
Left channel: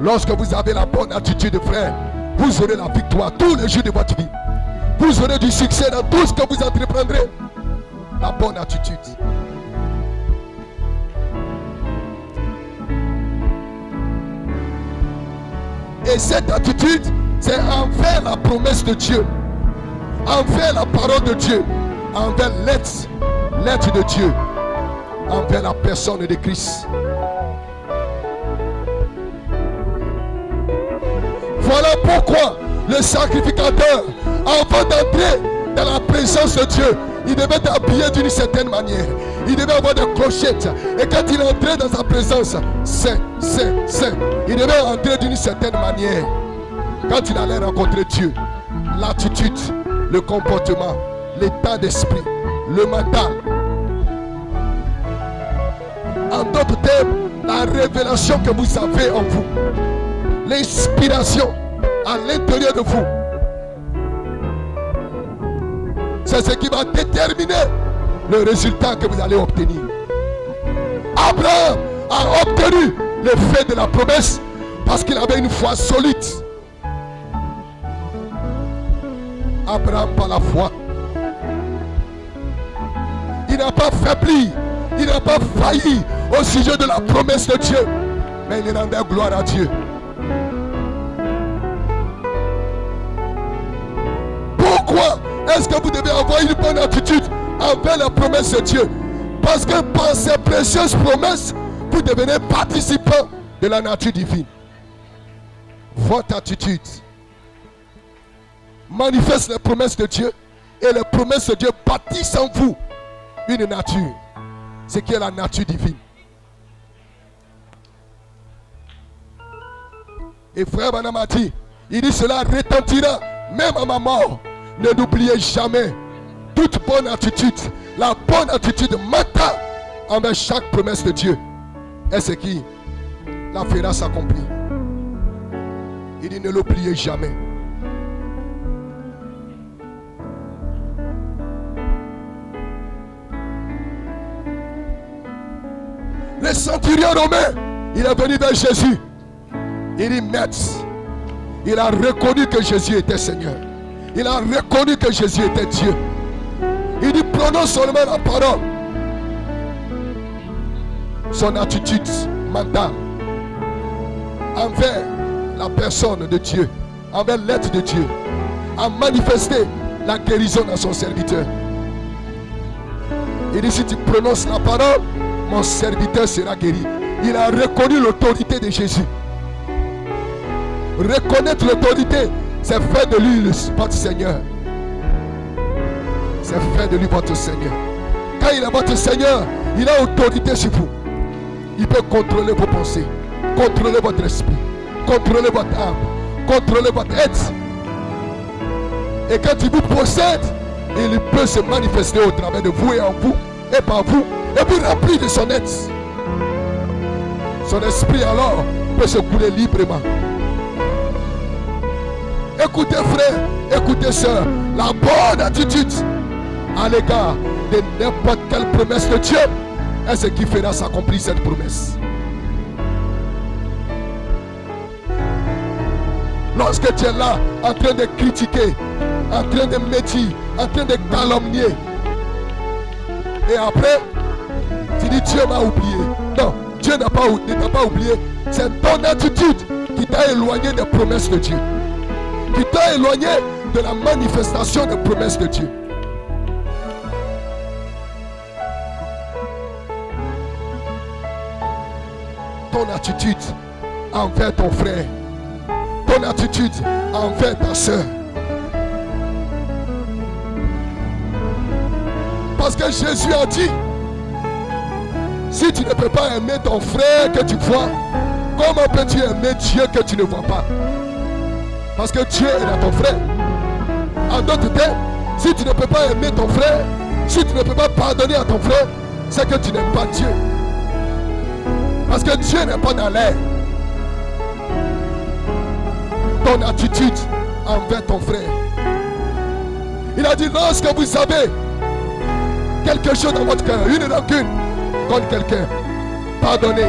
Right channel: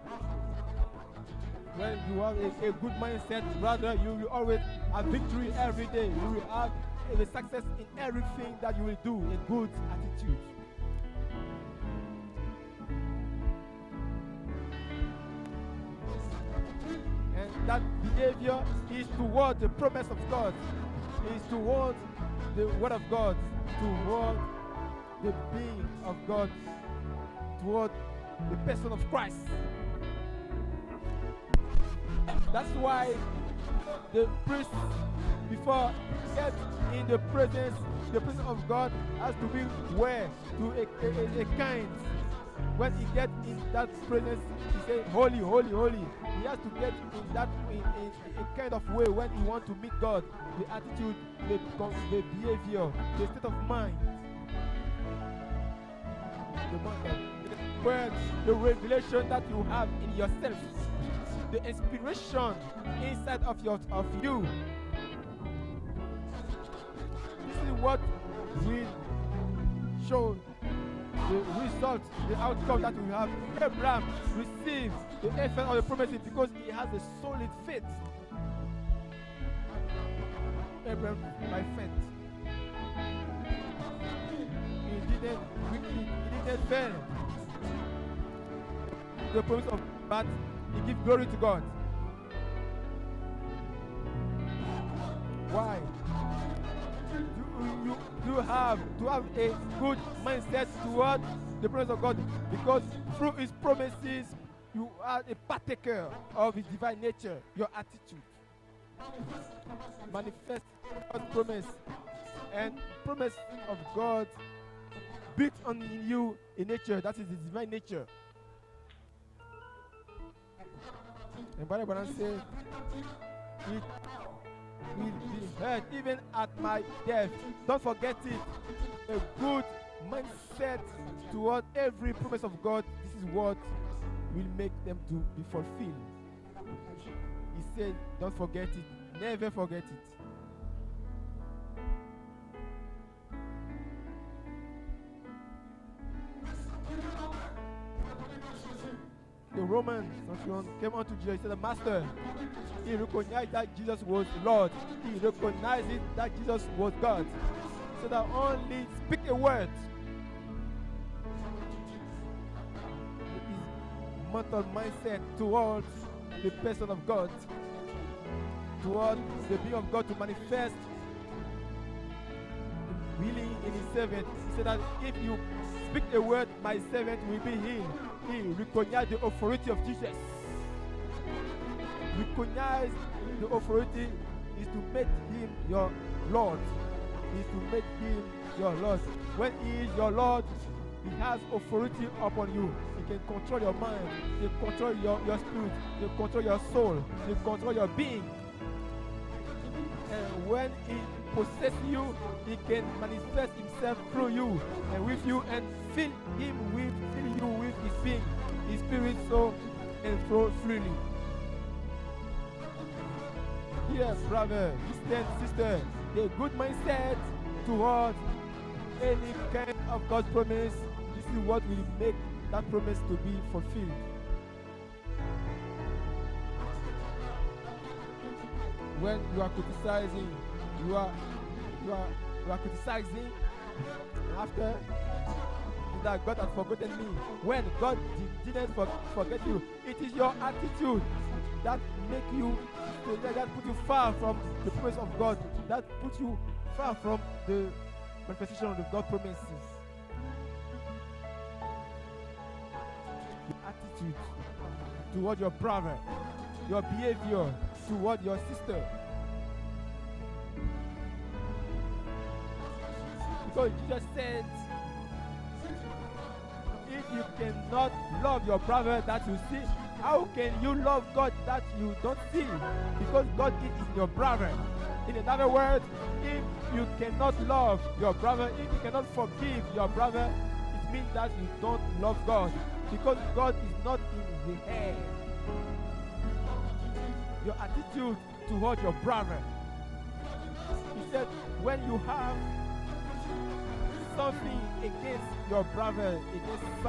Lorsque vous avez la bonne attitude, frère, vous aurez la victoire tous les jours de votre vie. Vous aurez du succès dans tout ce que vous entreprendrez. La bonne attitude. Et cette attitude, c'est envers la promesse de Dieu, envers la parole de Dieu, envers l'être de Dieu, envers la personne de Christ. Voilà pourquoi le sacrificateur, avant d'entrer dans la présence de Dieu, il devait être habillé d'une certaine manière. Il devait avoir des clochettes. Et quand il entrait dans sa présence, saint. Il devait entrer d'une certaine manière. Quand il allait rencontrer Dieu, l'attitude, le comportement, l'état d'esprit, le mental. En d'autres termes, la révélation que vous avez en vous, l'inspiration à l'intérieur de vous, c'est ce qui va déterminer le résultat que vous allez obtenir. Abraham a obtenu le fait de la promesse parce qu'il avait une foi solide. Abraham, par la foi, il n'a pas faibli, il n'a pas failli au sujet de la promesse de Dieu, mais il rendait gloire à Dieu. Pourquoi est-ce que vous devez avoir une bonne attitude envers la promesse de Dieu? Parce que par ces précieuses promesses, vous devenez participant de la nature divine. Votre attitude manifeste les promesses de Dieu et les promesses de Dieu bâtissent en vous une nature, ce qui est la nature divine. Et frère Branham a dit, il dit cela retentira même à ma mort. Ne l'oubliez jamais. Toute bonne attitude, la bonne attitude mentale envers chaque promesse de Dieu est ce qui la fera s'accomplir. Il dit ne l'oubliez jamais. Le centurion romain, il est venu vers Jésus. Il dit maître, il a reconnu que Jésus était Seigneur. Il a reconnu que Jésus était Dieu. Il dit prononce seulement la parole. Son attitude mentale envers la personne de Dieu, envers l'être de Dieu, a manifesté la guérison dans son serviteur. Il dit si tu prononces la parole, mon serviteur sera guéri. Il a reconnu l'autorité de Jésus. Reconnaître l'autorité, c'est faire de lui votre Seigneur. C'est faire de lui votre Seigneur. Quand il est votre Seigneur, il a autorité sur vous. Il peut contrôler vos pensées, contrôler votre esprit, contrôler votre âme, contrôler votre être. Et quand il vous possède, il peut se manifester au travers de vous et en vous et par vous, et puis remplir de son être. Son esprit alors peut se couler librement. Écoutez frère, écoutez soeur, la bonne attitude à l'égard de n'importe quelle promesse de Dieu est ce qui fera s'accomplir cette promesse. Lorsque tu es là en train de critiquer, en train de médire, en train de calomnier, et après tu dis Dieu m'a oublié. Non, Dieu ne t'a pas oublié. C'est ton attitude qui t'a éloigné des promesses de Dieu, qui t'a éloigné de la manifestation des promesses de Dieu. Ton attitude envers ton frère, ton attitude envers ta soeur. Parce que Jésus a dit, si tu ne peux pas aimer ton frère que tu vois, comment peux-tu aimer Dieu que tu ne vois pas? Parce que Dieu est dans ton frère. En d'autres termes, si tu ne peux pas aimer ton frère, si tu ne peux pas pardonner à ton frère, c'est que tu n'aimes pas Dieu. Parce que Dieu n'est pas dans l'air. Ton attitude envers ton frère. Il a dit, lorsque vous avez quelque chose dans votre cœur, une rancune contre quelqu'un, pardonnez.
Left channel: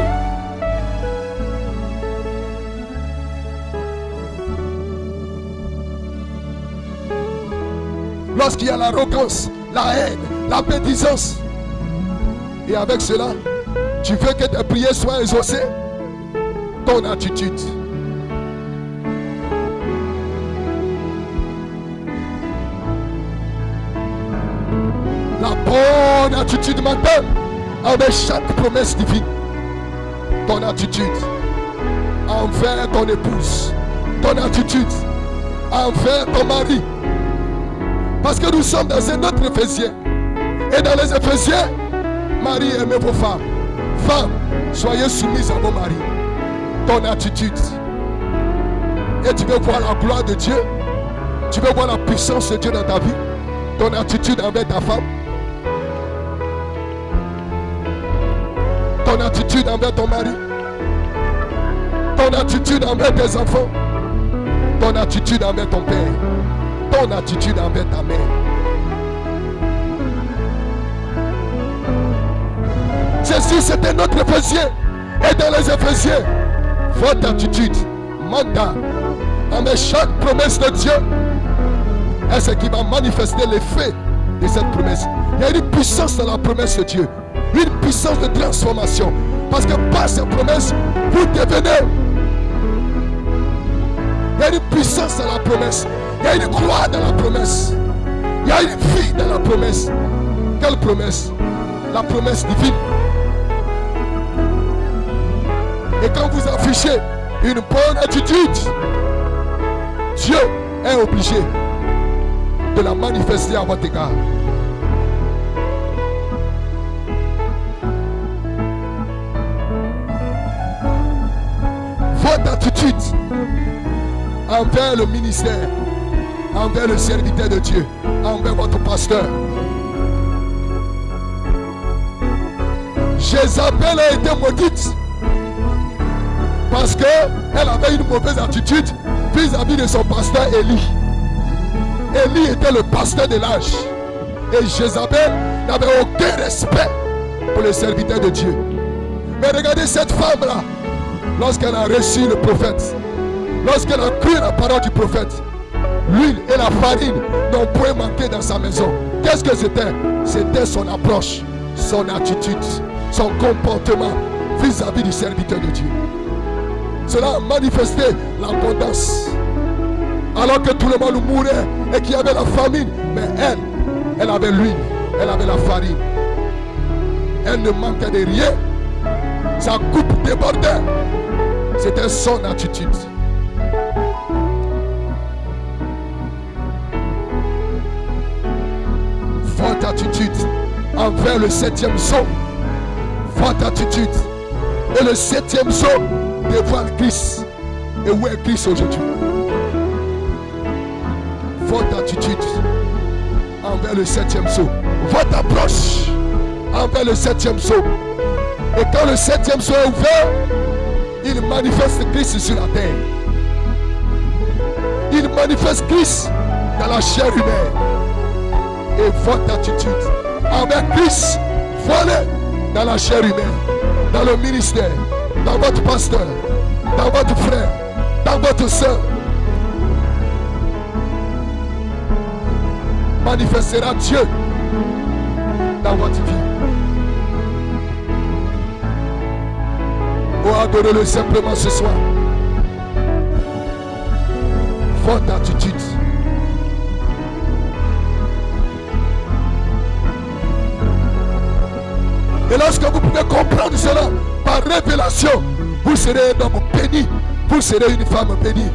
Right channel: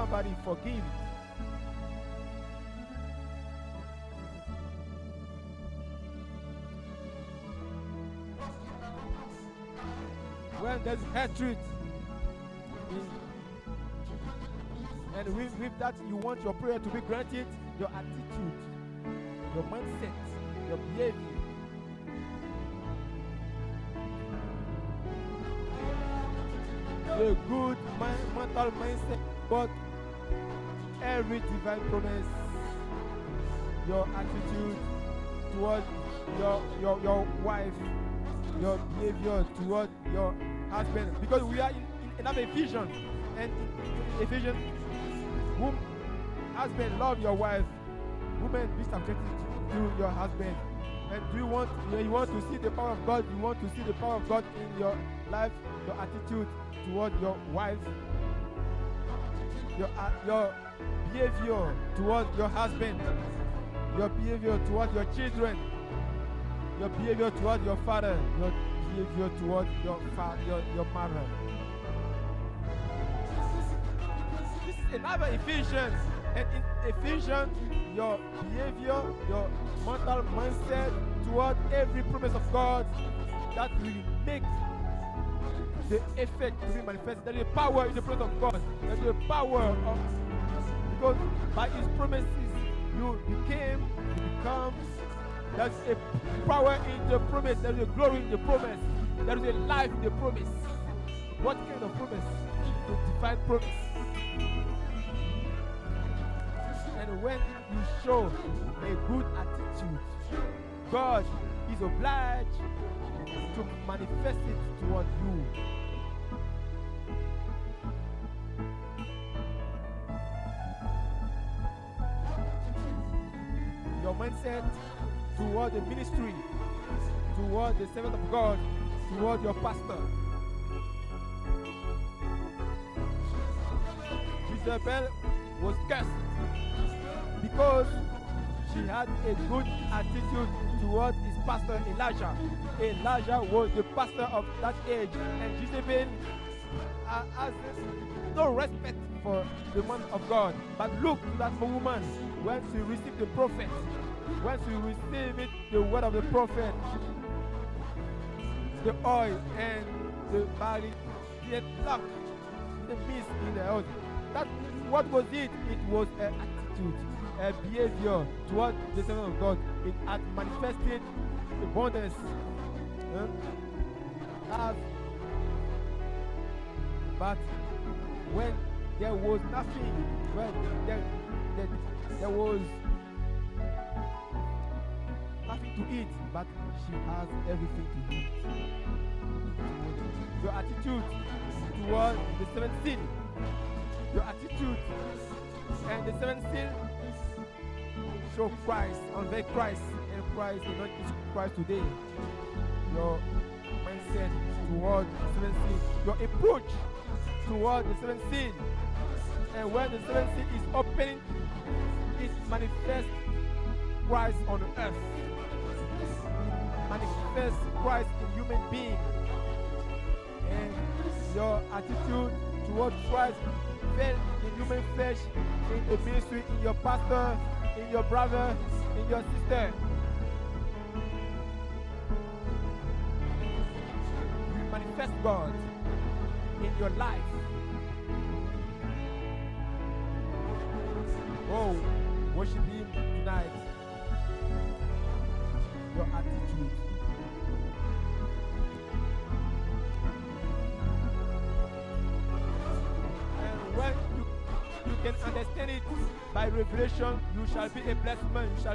lorsqu'il y a l'arrogance, la haine, la médisance. Et avec cela, tu veux que tes prières soient exaucées. Ton attitude. La bonne attitude maintenant avec chaque promesse divine. Ton attitude envers ton épouse. Ton attitude envers ton mari. Parce que nous sommes dans un autre Éphésiens. Et dans les Éphésiens, Marie, aimez vos femmes. Femmes, soyez soumises à vos maris. Ton attitude. Et tu veux voir la gloire de Dieu. Tu veux voir la puissance de Dieu dans ta vie. Ton attitude envers ta femme. Ton attitude envers ton mari. Ton attitude envers tes enfants. Ton attitude envers ton père. Ton attitude envers ta mère. Jésus, c'était notre Éphésien. Et dans les Éphésiens, votre attitude, mandat, envers chaque promesse de Dieu, est ce qui va manifester l'effet de cette promesse. Il y a une puissance dans la promesse de Dieu. Une puissance de transformation. Parce que par cette promesse, vous devenez. Il y a une puissance dans la promesse. Il y a une gloire dans la promesse. Il y a une vie dans la promesse. Quelle promesse? La promesse divine. Et quand vous affichez une bonne attitude, Dieu est obligé de la manifester à votre égard. Votre attitude envers le ministère, envers le serviteur de Dieu, envers votre pasteur. Jézabel a été maudite parce qu'elle avait une mauvaise attitude vis-à-vis de son pasteur Élie. Élie était le pasteur de l'âge. Et Jézabel n'avait aucun respect pour le serviteur de Dieu. Mais regardez cette femme-là, lorsqu'elle a reçu le prophète, lorsqu'elle a cru la parole du prophète, l'huile et la farine n'ont point manqué dans sa maison. Qu'est-ce que c'était? C'était son approche, son attitude, son comportement vis-à-vis du serviteur de Dieu. Cela a manifesté l'abondance. Alors que tout le monde mourait et qu'il y avait la famine, mais elle avait l'huile, elle avait la farine. Elle ne manquait de rien. Sa coupe débordait. C'était son attitude. Votre attitude envers le 7e sceau. Votre attitude. Et le 7e sceau dévoile Christ. Et où est Christ aujourd'hui? Votre attitude envers le 7e sceau. Votre approche envers le 7e sceau. Et quand le 7e sceau est ouvert, il manifeste Christ sur la terre. Il manifeste Christ dans la chair humaine. Et votre attitude envers Christ, voilà, dans la chair humaine, dans le ministère, dans votre pasteur, dans votre frère, dans votre soeur, manifestera Dieu dans votre vie. Oh, adorez-le simplement ce soir. Votre attitude. Et lorsque vous pouvez comprendre cela par révélation, vous serez un homme béni, vous serez une femme bénie.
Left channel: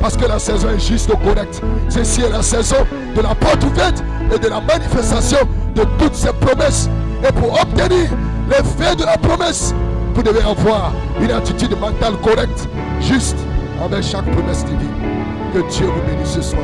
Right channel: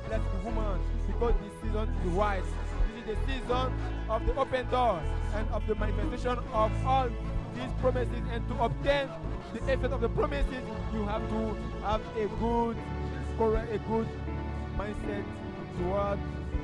Parce que la saison est juste correcte. Ceci est la saison de la porte ouverte et de la manifestation de toutes ces promesses. Et pour obtenir l'effet de la promesse, vous devez avoir une attitude mentale correcte, juste avec chaque promesse divine. Que Dieu vous bénisse ce soir.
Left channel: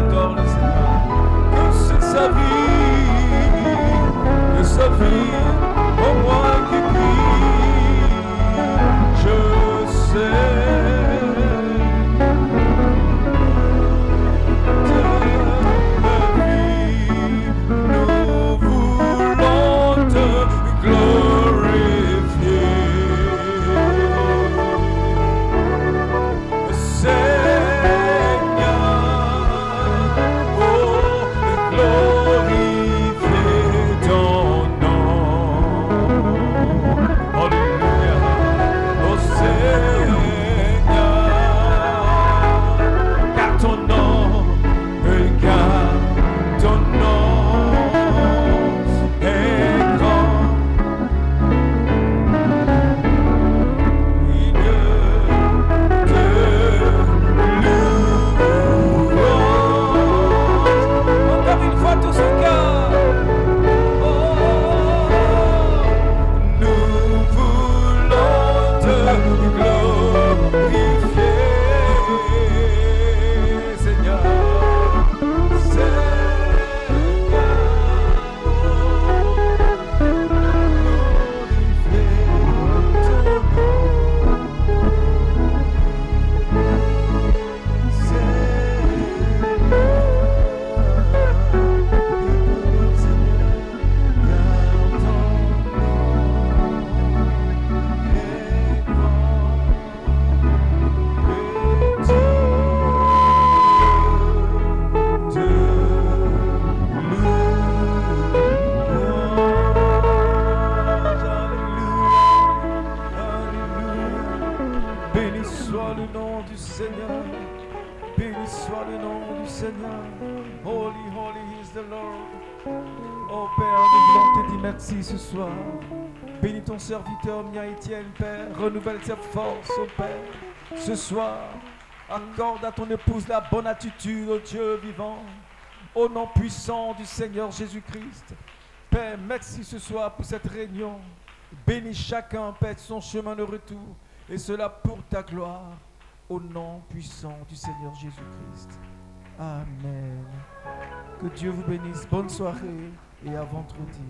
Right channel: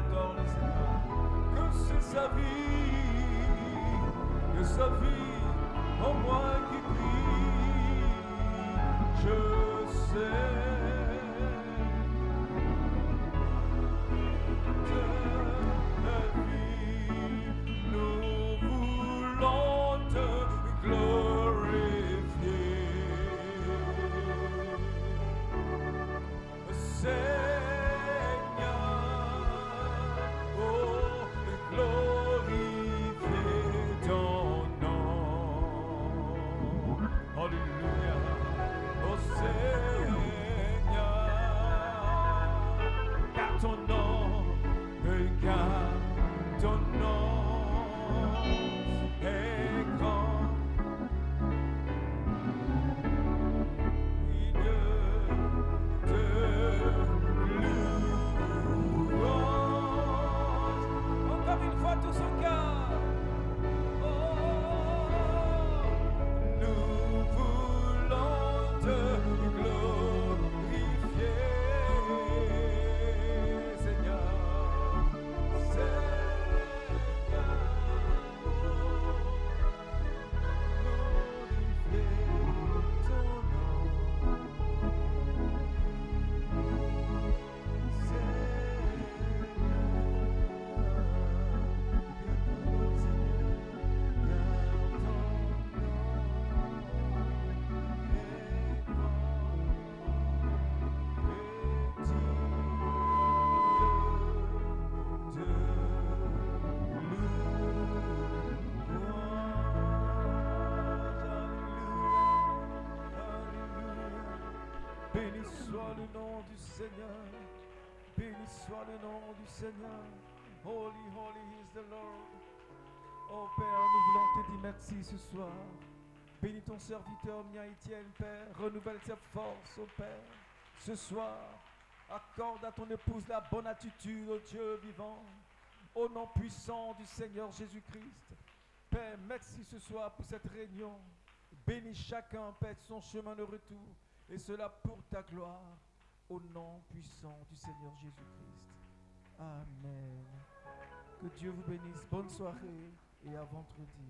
adore le Seigneur. Que c'est sa vie, au moins qui prie, je sais. Merci ce soir. Bénis ton serviteur mien Étienne, Père. Renouvelle sa force, oh Père. Ce soir, accorde à ton épouse la bonne attitude, oh Dieu vivant. Au nom puissant du Seigneur Jésus-Christ. Père, merci ce soir pour cette réunion. Bénis chacun, Père, de son chemin de retour. Et cela pour ta gloire. Au nom puissant du Seigneur Jésus-Christ. Amen. Que Dieu vous bénisse. Bonne soirée et à vendredi.